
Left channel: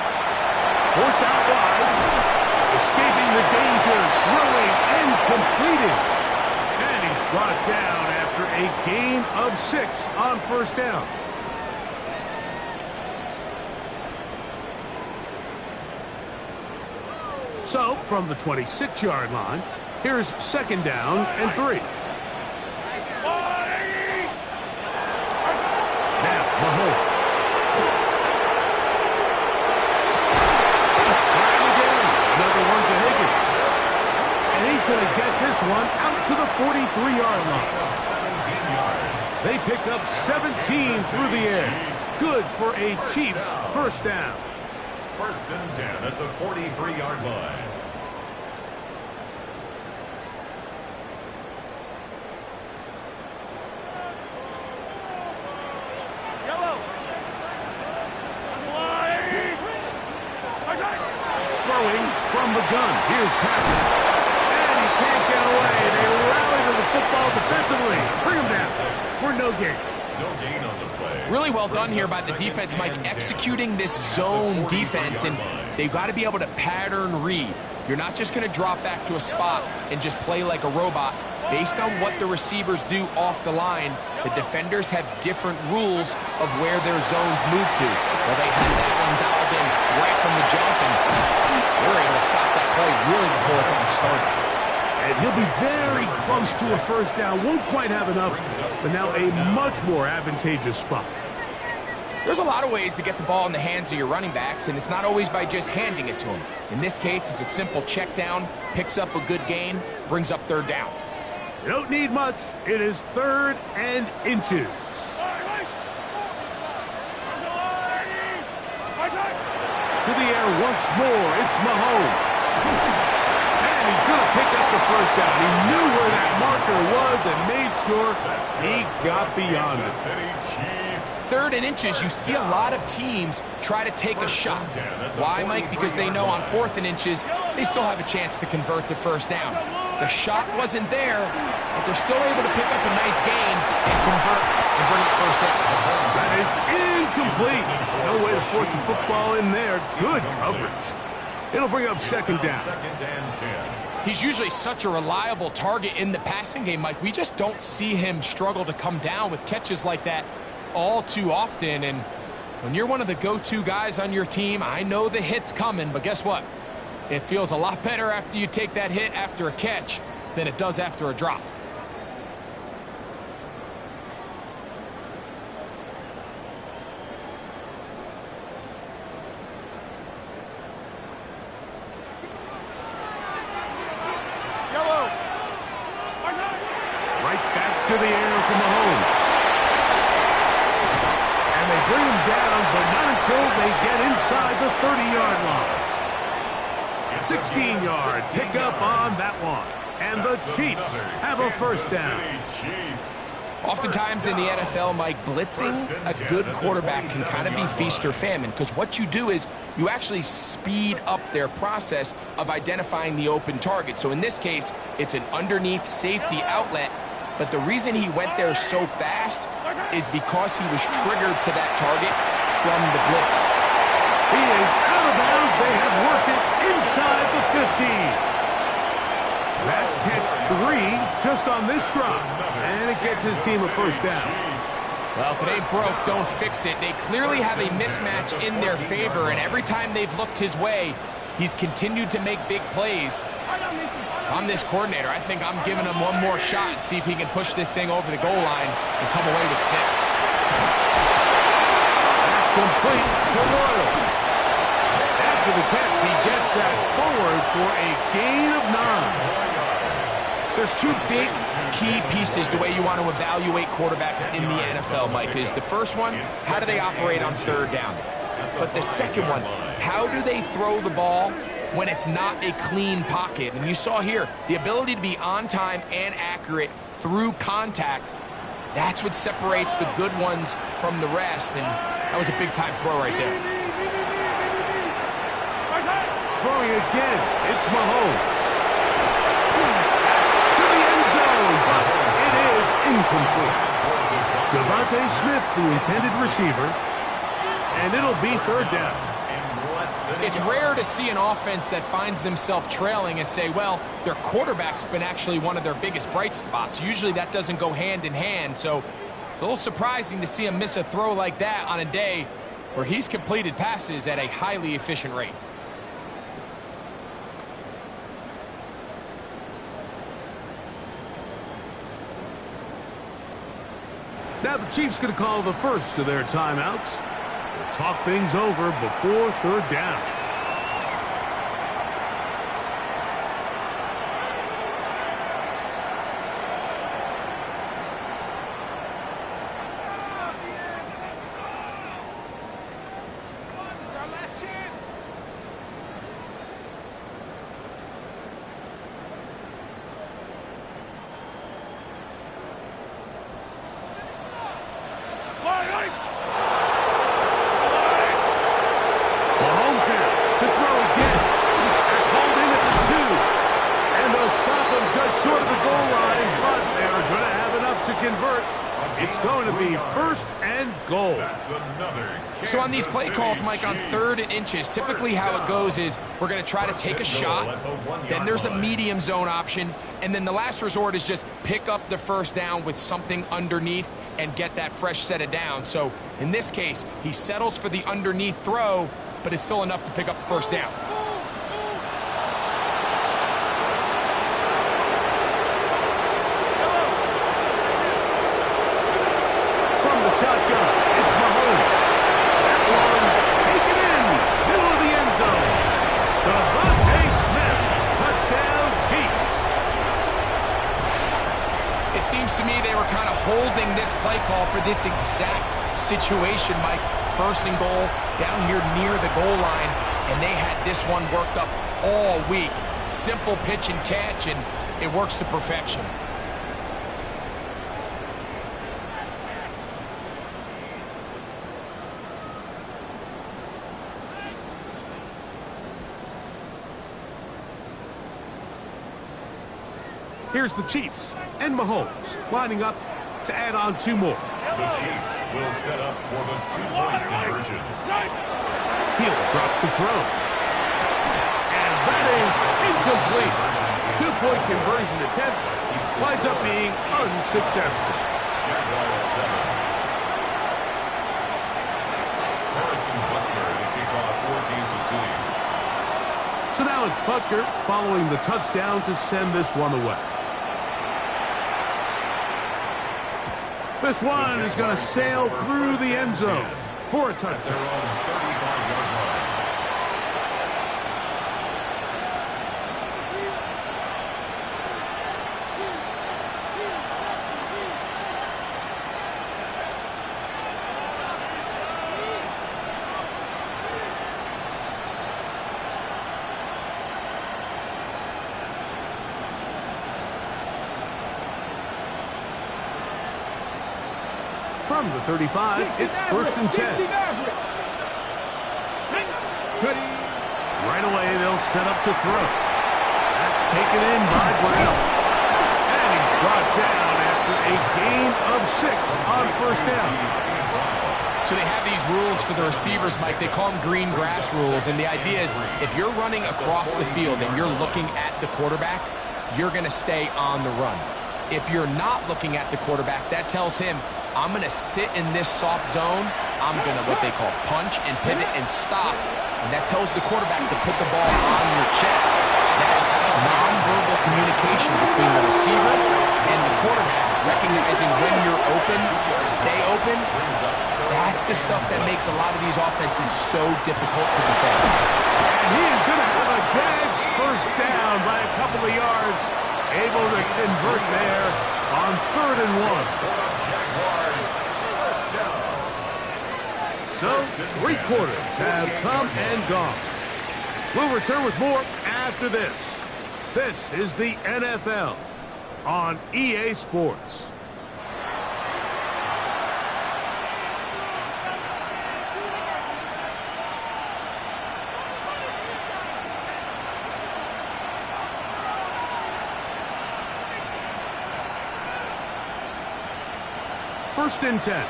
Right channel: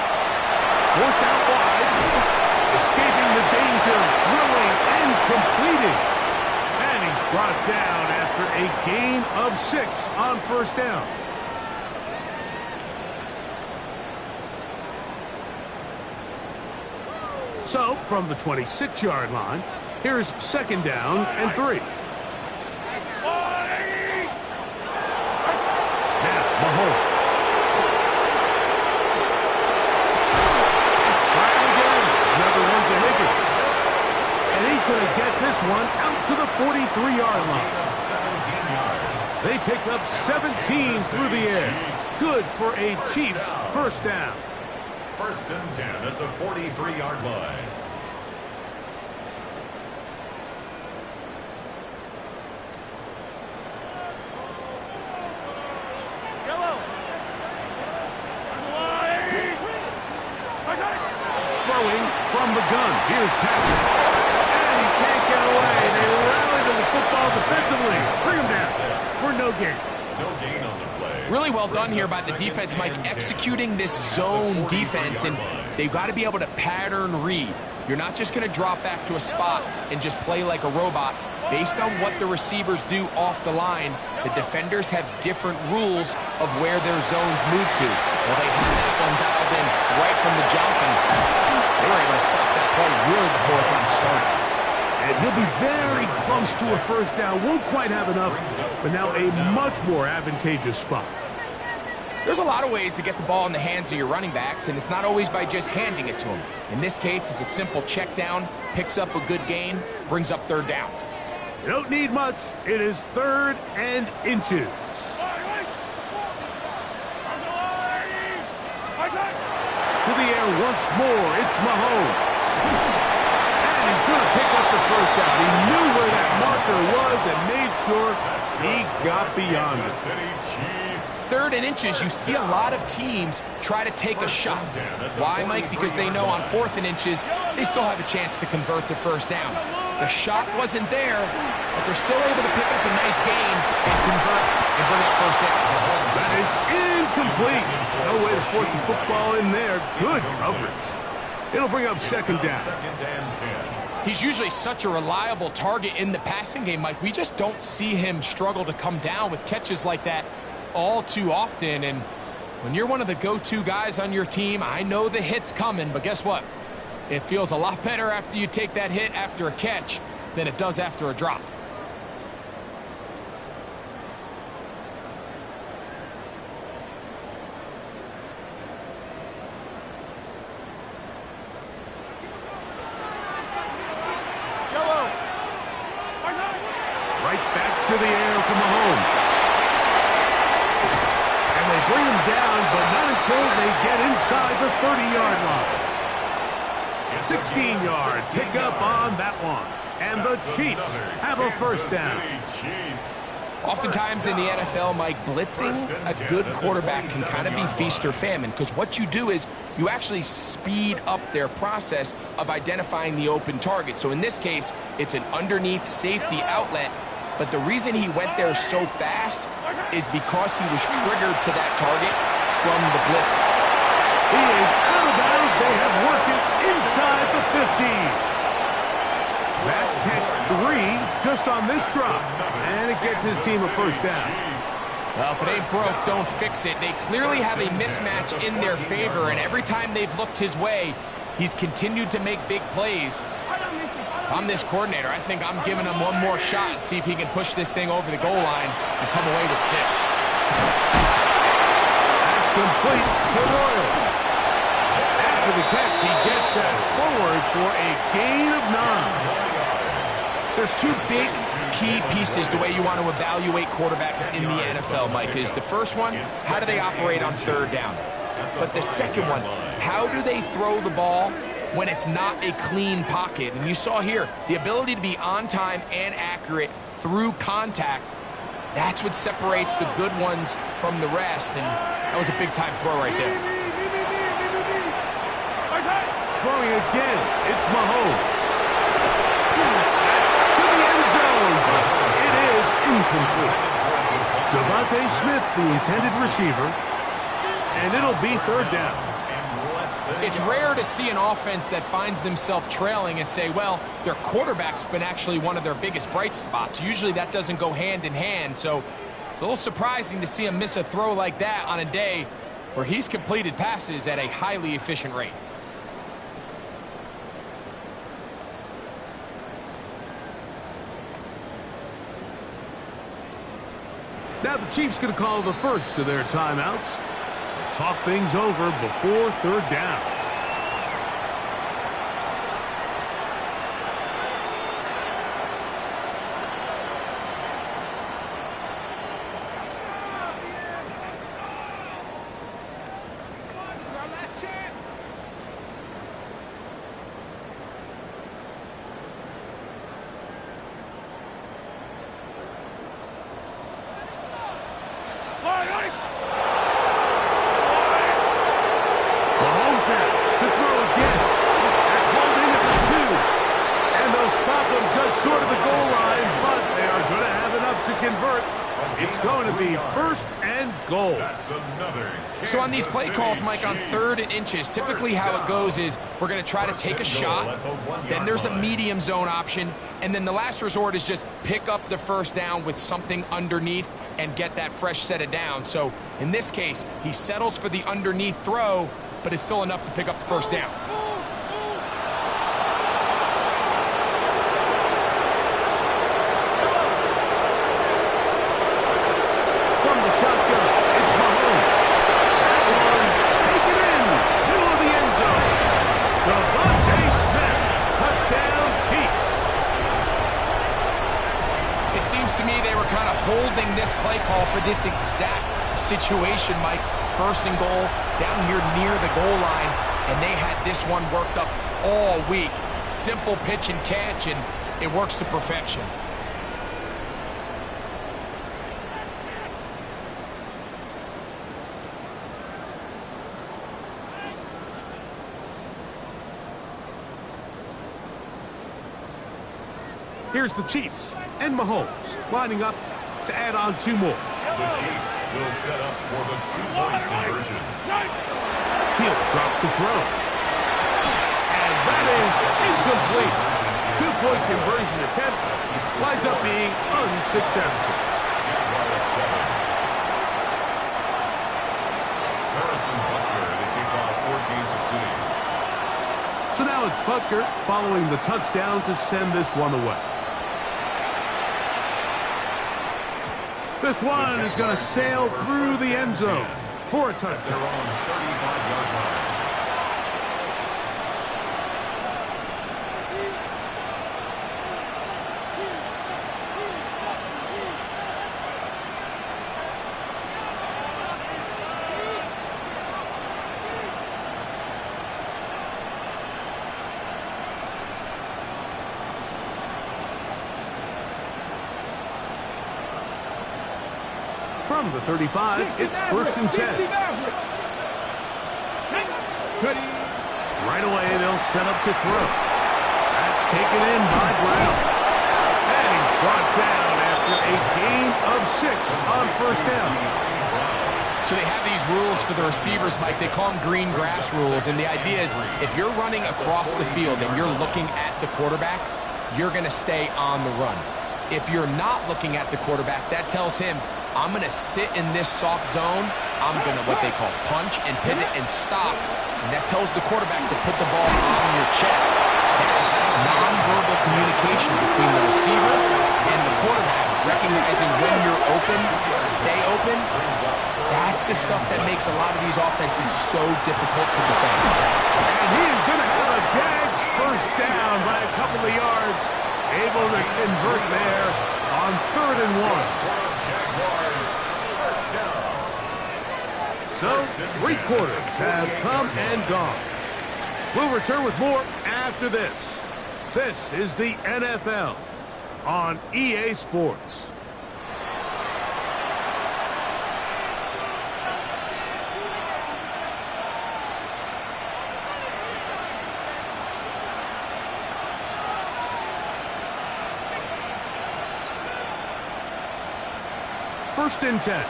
Forced out wide. Escaping the danger. Throwing and completing. And he's brought down after a gain of 6 on first down. So, from the 26-yard line, here's 2nd down and 3. Now, Mahomes. Trying again. Another one to Higgins. And he's going to get this one out to the 43-yard line. 17 yards. They pick up 17 through the air. Good for a Chiefs 1st down. 1st and 10 at the 43-yard line. Throwing from the gun. Here's Patrick. And he can't get away. They rally to the football defensively. Bring him down for no gain. No gain on the play. Really well done here by the defense, Mike, executing this zone defense, and they've got to be able to pattern read. You're not just going to drop back to a spot and just play like a robot. Based on what the receivers do off the line, the defenders have different rules of where their zones move to. Well, they had that one dialed in right from the jump, and they were able to stop that play really before it got started. And he'll be very close to a 1st down. Won't quite have enough, but now a much more advantageous spot. There's a lot of ways to get the ball in the hands of your running backs, and it's not always by just handing it to them. In this case, it's a simple check down, picks up a good gain, brings up 3rd down. You don't need much. It is 3rd and inches. To the air once more. It's Mahomes. And he's going to pick up the 1st down. He knew where that marker was and made sure he got beyond it. 3rd and inches, you see a lot of teams try to take a shot. Why, Mike? Because they know on 4th and inches, they still have a chance to convert the 1st down. The shot wasn't there, but they're still able to pick up a nice gain and convert and bring up 1st down. That is incomplete. No way to force the football in there. Good coverage. It'll bring up 2nd down. 2nd and 10. He's usually such a reliable target in the passing game, Mike. We just don't see him struggle to come down with catches like that all too often. And when you're one of the go-to guys on your team, I know the hit's coming, but guess what? It feels a lot better after you take that hit after a catch than it does after a drop. Right back to the air from Mahomes. And they bring him down, but not until they get inside the 30-yard line. 16 yards, pick up on that one. And the Chiefs have a 1st down. Oftentimes in the NFL, Mike, blitzing a good quarterback can kind of be feast or famine, because what you do is you actually speed up their process of identifying the open target. So in this case, it's an underneath safety outlet, but the reason he went there so fast is because he was triggered to that target from the blitz. He is out of bounds. They have worked it inside the 50. That's catch 3 just on this drop. And it gets his team a 1st down. Well, if it ain't broke, don't fix it. They clearly have a mismatch in their favor, and every time they've looked his way, he's continued to make big plays. If I'm this coordinator, I think I'm giving him one more shot and see if he can push this thing over the goal line and come away with 6. That's complete to Royal. After the catch, he gets that forward for a gain of 9. There's 2 big key pieces the way you want to evaluate quarterbacks in the NFL, Mike. Is the first one, how do they operate on 3rd down? But the second one, how do they throw the ball when it's not a clean pocket? And you saw here, the ability to be on time and accurate through contact, that's what separates the good ones from the rest. And that was a big-time throw right there. Throwing again, it's Mahomes. That's to the end zone, but it is incomplete. Devontae Smith, the intended receiver, and it'll be 3rd down. It's rare to see an offense that finds themselves trailing and say, well, their quarterback's been actually one of their biggest bright spots. Usually that doesn't go hand in hand, so it's a little surprising to see him miss a throw like that on a day where he's completed passes at a highly efficient rate. Now the Chiefs going to call the first of their timeouts. They'll talk things over before third down. Mahomes now to throw again. They're called in at the 2. And they'll stop him just short of the goal line, but they are going to have enough to convert. It's going to be first and goal. That's another So on these play Kansas calls, City Mike, on Chiefs 3rd and inches, typically how it goes is we're going to try to take a shot, then there's a medium zone option, and then the last resort is just pick up the first down with something underneath and get that fresh set of down. So in this case, he settles for the underneath throw, but it's still enough to pick up the first down. From the shotgun, it's Mahomes. That one, taken in, middle of the end zone. Devontae Smith, touchdown Chiefs. It seems to me they were kind of holding this play call for this exact situation, Mike. First and goal, down here near the goal line, and they had this one worked up all week. Simple pitch and catch, and it works to perfection. Here's the Chiefs and Mahomes lining up to add on 2 more. The Chiefs will set up for the 2-point conversion. He'll drop to throw. And that is incomplete. 2-point conversion attempt winds up being unsuccessful. Jaguars 7. Harrison Butker to kick off for Kansas City. So now it's Butker following the touchdown to send this one away. This one is going to sail through the end zone for a touchdown. They're on 35-yard line. From the 35, it's first and 10. Right away, they'll set up to throw. That's taken in by Brown. And he's brought down after a gain of 6 on first down. So they have these rules for the receivers, Mike. They call them green grass rules, and the idea is if you're running across the field and you're looking at the quarterback, you're going to stay on the run. If you're not looking at the quarterback, that tells him, I'm going to sit in this soft zone. I'm going to what they call punch and pivot and stop. And that tells the quarterback to put the ball on your chest. That is nonverbal communication between the receiver and the quarterback, recognizing when you're open, stay open. That's the stuff that makes a lot of these offenses so difficult to defend. And he is going to have a Jags first down by a couple of yards. Able to convert there on 3rd and 1. Jaguars first down. So, 3 quarters have come and gone. We'll return with more after this. This is the NFL on EA Sports. First and 10.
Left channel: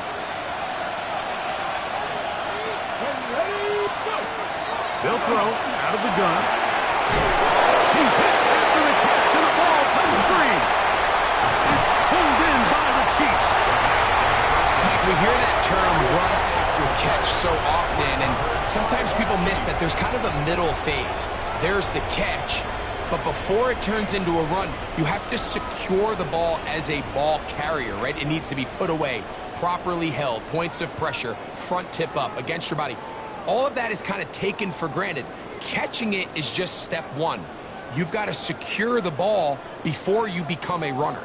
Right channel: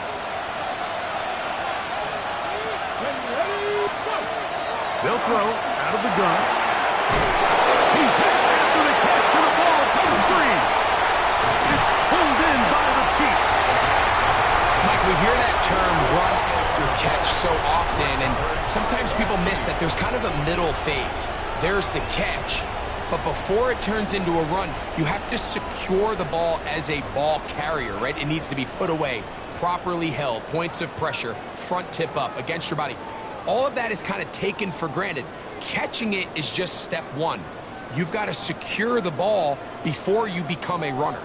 They'll throw out of the gun. He's hit after the catch, and the ball comes free. It's pulled in by the Chiefs. Mike, we hear that term run after catch so often, and sometimes people miss that there's kind of a middle phase. There's the catch, but before it turns into a run, you have to secure the ball as a ball carrier, right? It needs to be put away, properly held, points of pressure, front tip up against your body. All of that is kind of taken for granted. Catching it is just step one. You've got to secure the ball before you become a runner.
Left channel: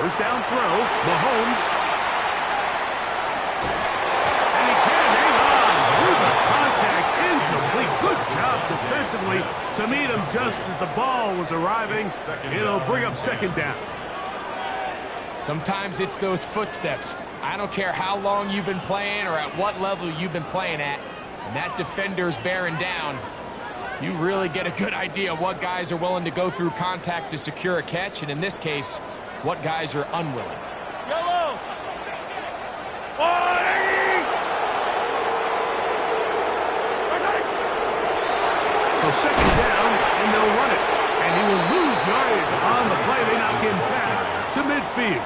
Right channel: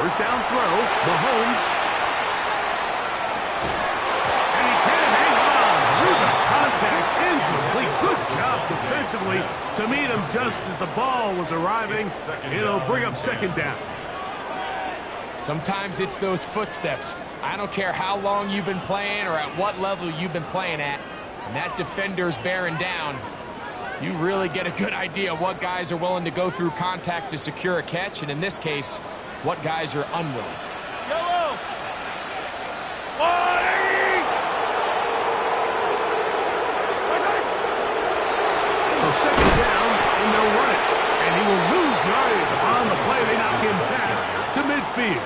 First down throw, Mahomes. And he can't hang on through the contact, incomplete. Good job defensively to meet him just as the ball was arriving. It'll bring up second down. Sometimes it's those footsteps. I don't care how long you've been playing or at what level you've been playing at. When that defender's bearing down, you really get a good idea of what guys are willing to go through contact to secure a catch, and in this case, what guys are unwilling. Yellow! So second down, and they'll run it. And he will lose yardage on the play. They knock him back to midfield.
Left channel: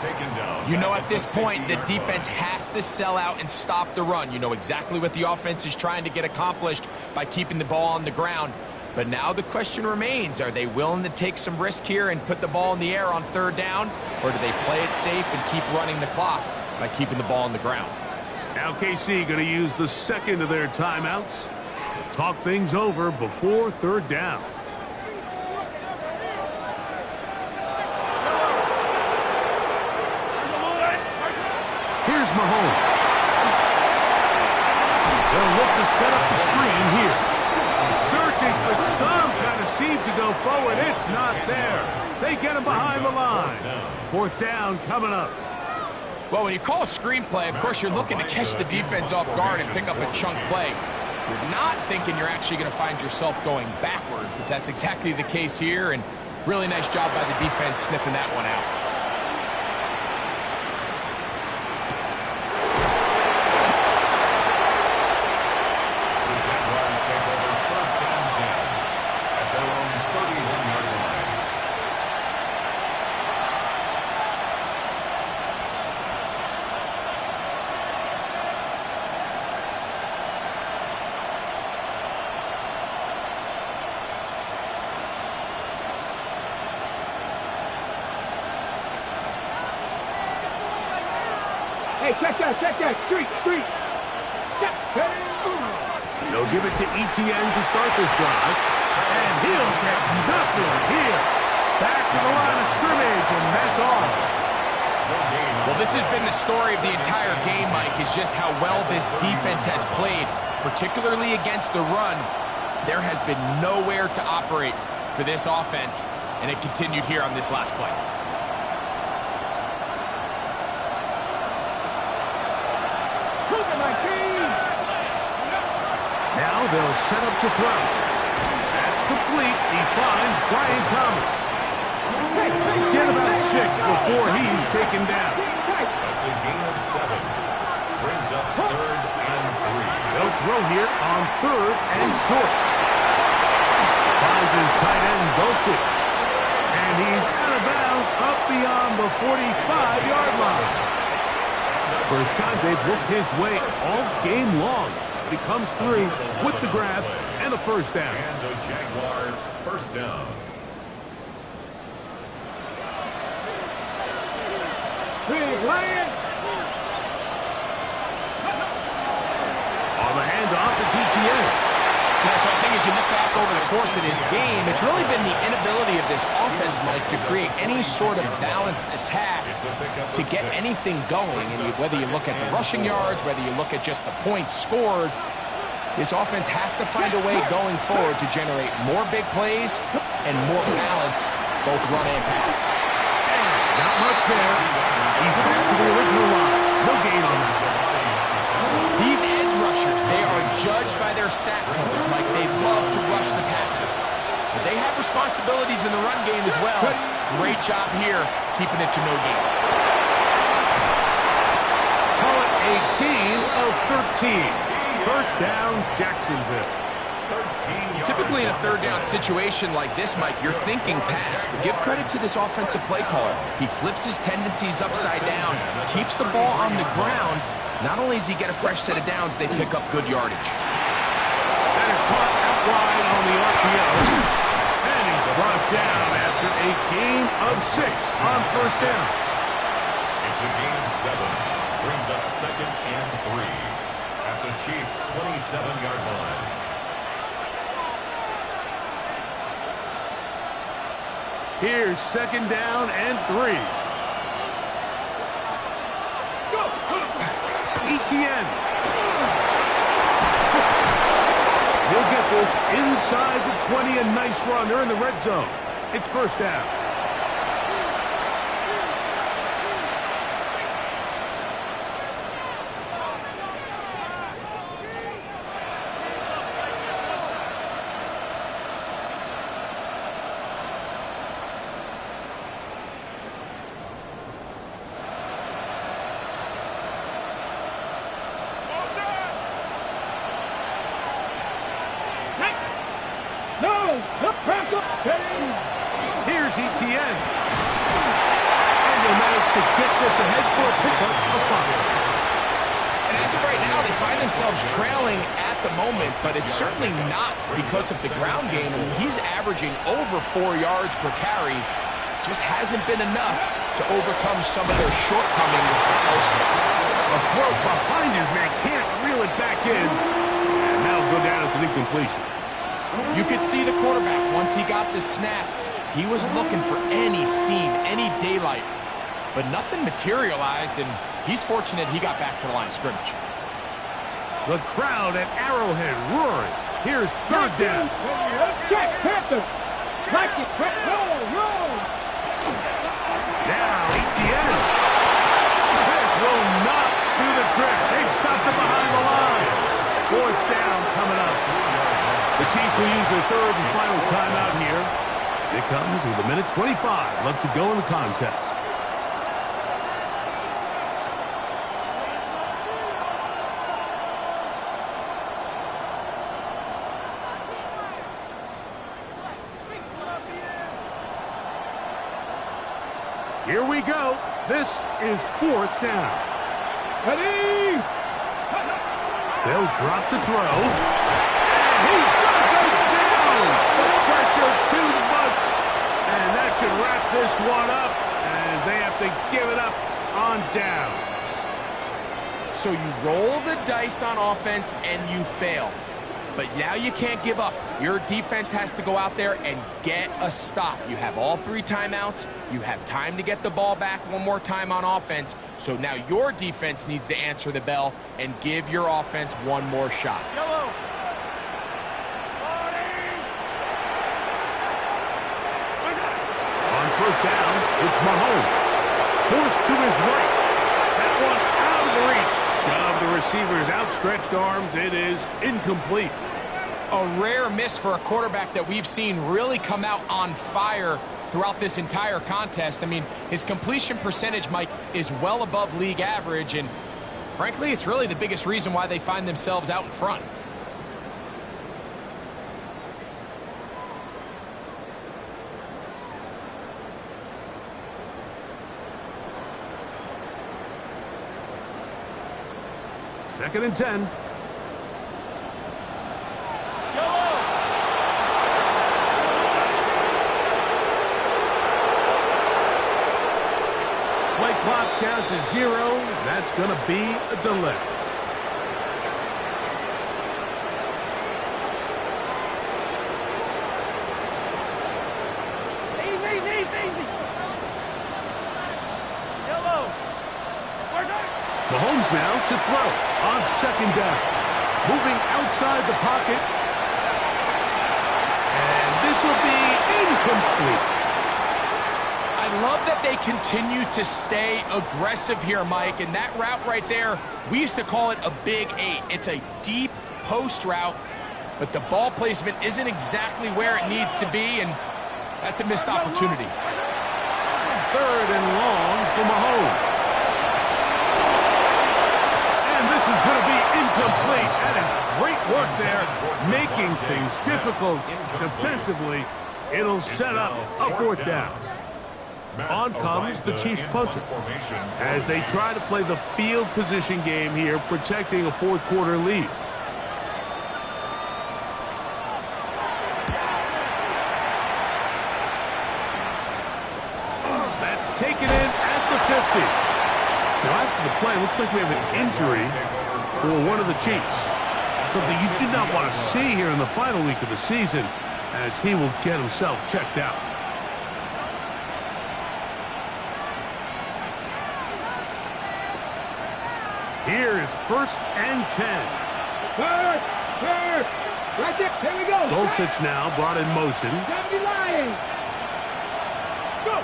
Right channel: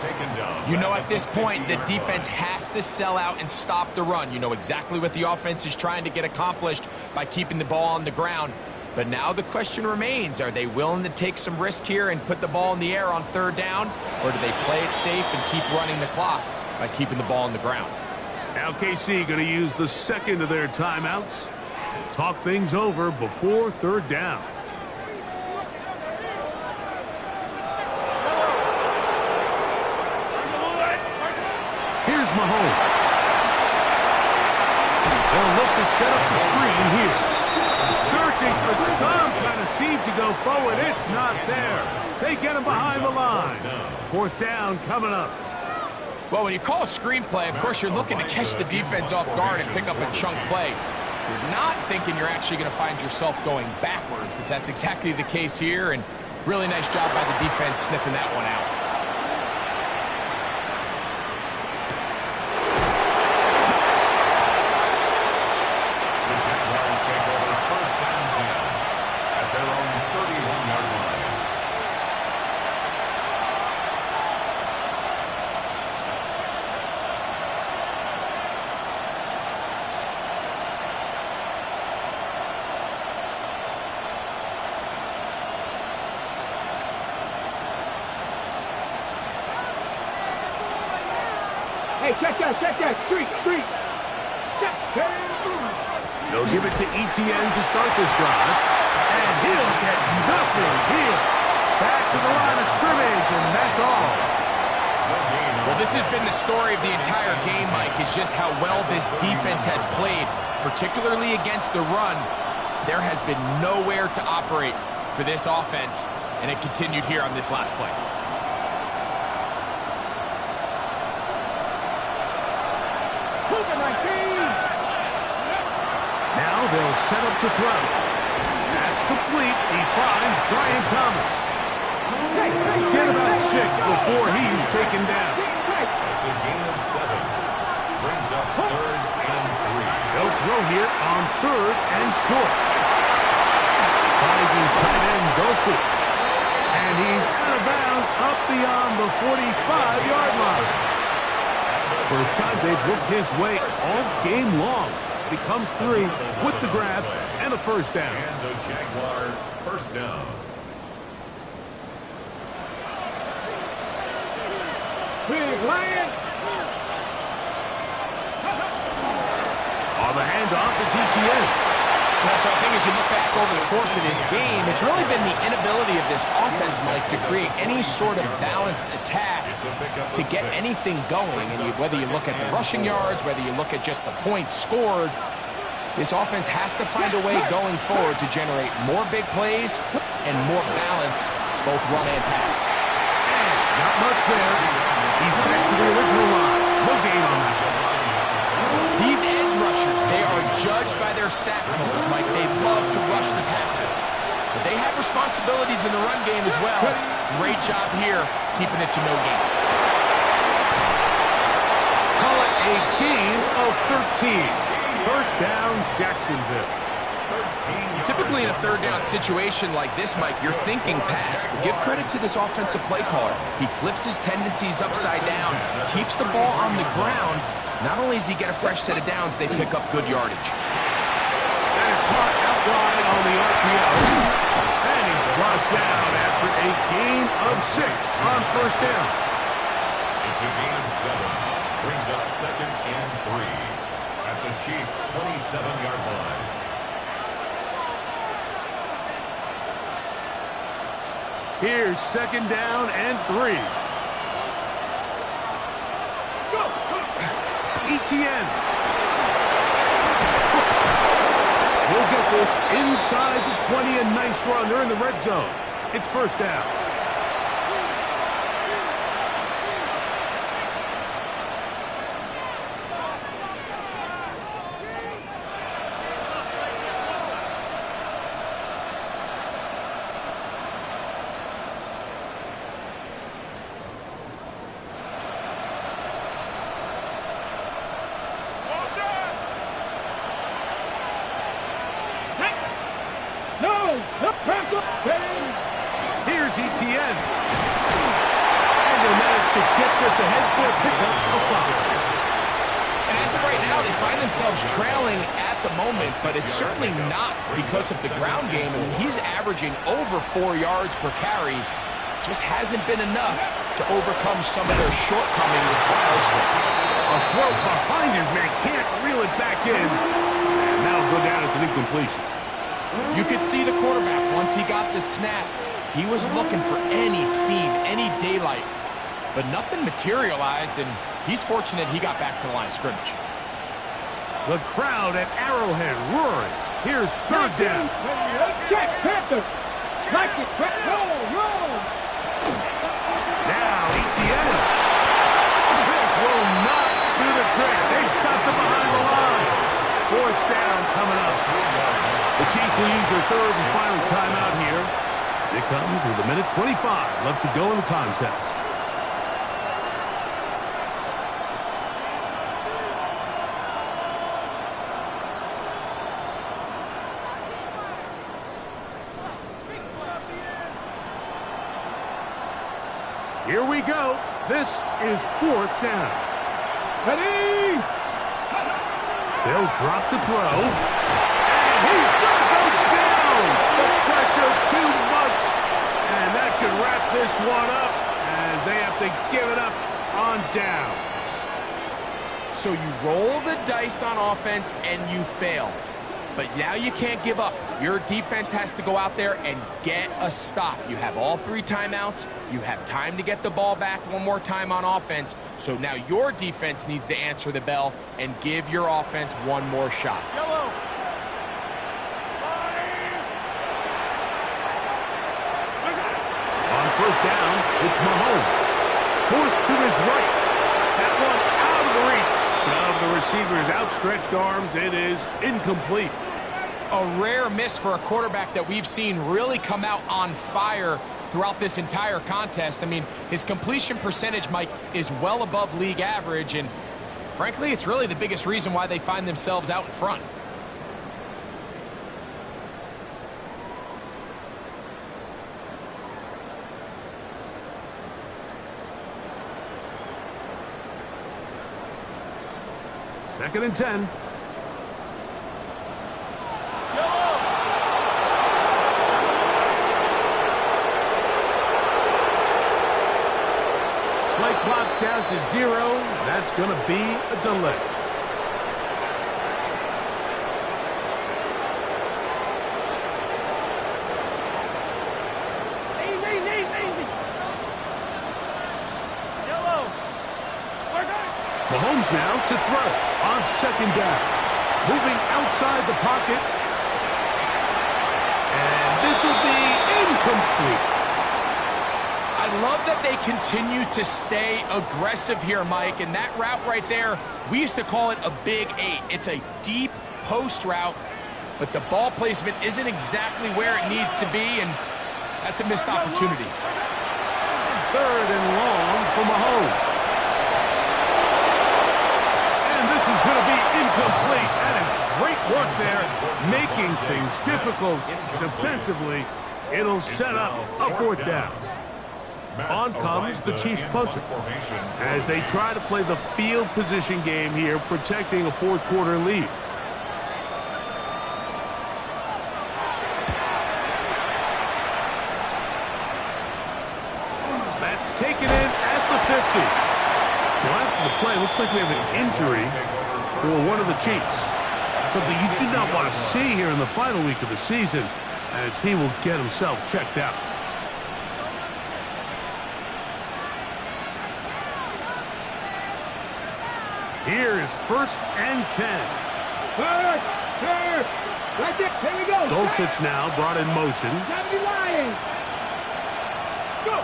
Taken down. You know, at this point, the defense has to sell out and stop the run. You know exactly what the offense is trying to get accomplished by keeping the ball on the ground. But now the question remains, are they willing to take some risk here and put the ball in the air on third down? Or do they play it safe and keep running the clock by keeping the ball on the ground? Now KC going to use the second of their timeouts. Talk things over before third down. Here's Mahomes. They'll look to set up the screen here. Searching for some kind of seam to go forward. It's not there. They get him behind the line. Fourth down coming up. Well, when you call a screenplay, of course, you're looking to catch the defense off guard and pick up a chunk play. You're not thinking you're actually going to find yourself going backwards, but that's exactly the case here, and really nice job by the defense sniffing that one out. The Jaguars take over first and 10 at their own 31-yard line. Hey, check that, street. They'll give it to Etienne to start this drive. And he'll get nothing here. Back to the line of scrimmage, and that's all. Well, this has been the story of the entire game, Mike, is just how well this defense has played, particularly against the run. There has been nowhere to operate for this offense, and it continued here on this last play. Now they'll set up to throw. That's complete. He finds Brian Thomas. Get about 6 before he's taken down. That's a gain of 7. Brings up third and 3. They'll throw here on third and short. Finds his tight end, Dulcich. And he's out of bounds up beyond the 45-yard line. First time they've looked his way all game long. He comes through with the grab and a first down. And the Jaguar first down. Big Lion. On the handoff to Etienne. Yeah, so I think as you look back over the course of this game, it's really been the inability of this offense, Mike, to create any sort of balanced attack to get anything going. And whether you look at the rushing yards, whether you look at just the points scored, this offense has to find a way going forward to generate more big plays and more balance, both run and pass. And not much there. He's back to the original line. No gain on that. These edge rushers, they are judged by their sack totals, Mike. They love to rush the passer. But they have responsibilities in the run game as well. Great job here, keeping it to no gain. Call it a gain of 13. First down, Jacksonville. Typically in a third down situation like this, Mike, you're thinking pass, but give credit to this offensive play caller. He flips his tendencies upside down, keeps the ball on the ground. Not only does he get a fresh set of downs, they pick up good yardage. the RPO. And he's brought down after a gain of 6 on first down. It's a gain of 7. Brings up 2nd and 3 at the Chiefs' 27-yard line. Here's 2nd down and 3. ETN. He'll get this inside the 20. A nice run. They're in the red zone. It's first down. Here's ETN. And he'll manage to get this ahead for a pickup of 5. And as of right now, they find themselves trailing at the moment, but it's certainly not because of the ground game. I mean, he's averaging over 4 yards per carry. Just hasn't been enough to overcome some of their shortcomings elsewhere. A throw behind his man, can't reel it back in. And that'll go down as an incompletion. You could see the quarterback, once he got the snap, he was looking for any seam, any daylight. But nothing materialized, and he's fortunate he got back to the line of scrimmage. The crowd at Arrowhead roaring. Here's 3rd down. Check, Panther. Like it. Roll. Now ETN. This will not do the trick. They've stopped him behind the line. 4th down coming up. The Chiefs will use their 3rd and final timeout here. It comes with 1:25 left to go in the contest. Here we go. This is 4th down. Ready? They'll drop to throw. And he's going to go down. The pressure too much. And that should wrap this one up as they have to give it up on downs. So you roll the dice on offense and you fail. But now you can't give up. Your defense has to go out there and get a stop. You have all 3 timeouts. You have time to get the ball back one more time on offense. So now your defense needs to answer the bell and give your offense one more shot. Yellow. On first down, it's Mahomes. Forced to his right. That one out of the reach of the receiver's outstretched arms. It is incomplete. A rare miss for a quarterback that we've seen really come out on fire throughout this entire contest. I mean, his completion percentage, Mike, is well above league average, and frankly, it's really the biggest reason why they find themselves out in front. Second and 10. Play clock down to 0. That's going to be a delay. Easy. Yellow. Mahomes now to throw on 2nd down. Moving outside the pocket. And this will be incomplete. I love that they continue to stay aggressive here, Mike, and that route right there, we used to call it a big 8. It's a deep post route, but the ball placement isn't exactly where it needs to be, and that's a missed opportunity. 3rd and long for Mahomes. And this is going to be incomplete. That is great work there, making things difficult defensively. It'll set up a 4th down. On comes the Chiefs punter as they try to play the field position game here, protecting a 4th quarter lead. taken in at the 50. Now, after the play, looks like we have an injury for one of the Chiefs. Something you do not want to see here in the final week of the season, as he will get himself checked out. Here is 1st and 10. First. Right there. Here we go. Dulcich now brought in motion. Johnny Lions. Go.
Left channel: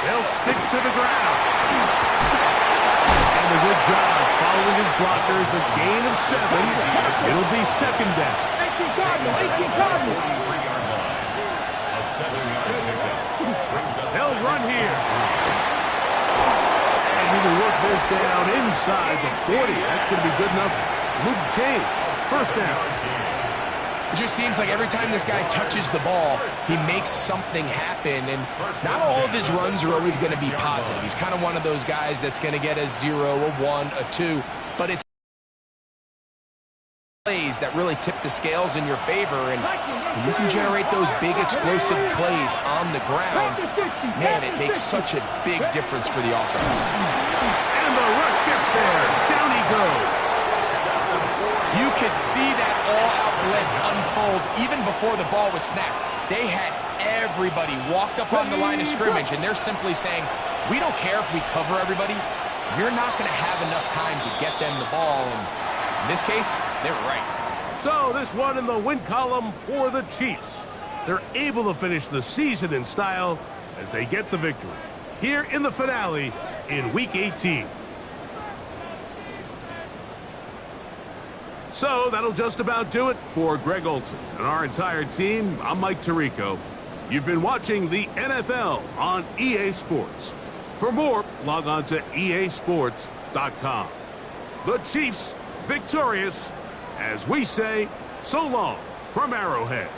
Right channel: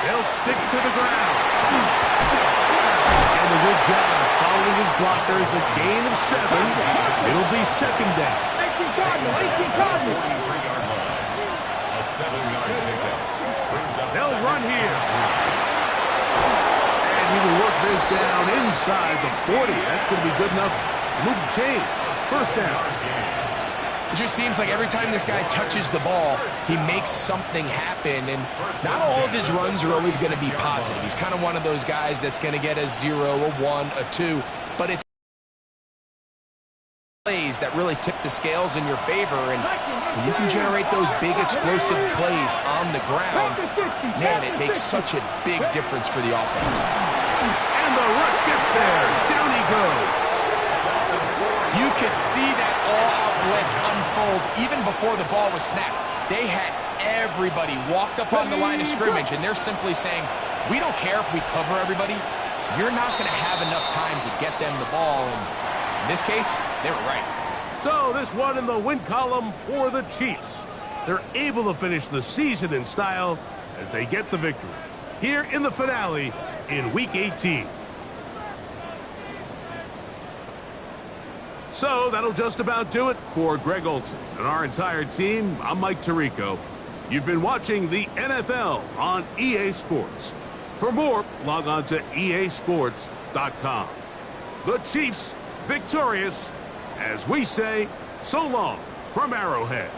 They'll stick to the ground. And a good job following his blockers. A gain of 7. It'll be 2nd down. 18 Cardinals. 18 Cardinals. 43-yard line. A 7-yard pickup. Brings up They'll run here. And he will work this down inside the 40. That's going to be good enough to move the chains. 1st down. It just seems like every time this guy touches the ball, he makes something happen, and not all of his runs are always going to be positive. He's kind of one of those guys that's going to get a 0, a 1, a 2, but it's plays that really tip the scales in your favor, and when you can generate those big explosive plays on the ground, man, it makes such a big difference for the offense. And the rush gets there. Down he goes. You could see that all-out blitz unfold even before the ball was snapped. They had everybody walked up on the line of scrimmage, and they're simply saying, we don't care if we cover everybody. You're not going to have enough time to get them the ball. And in this case, they were right. So this one in the win column for the Chiefs. They're able to finish the season in style as they get the victory here in the finale in Week 18. So that'll just about do it for Greg Olson and our entire team. I'm Mike Tirico. You've been watching the NFL on EA Sports. For more, log on to easports.com. The Chiefs victorious, as we say, so long from Arrowhead.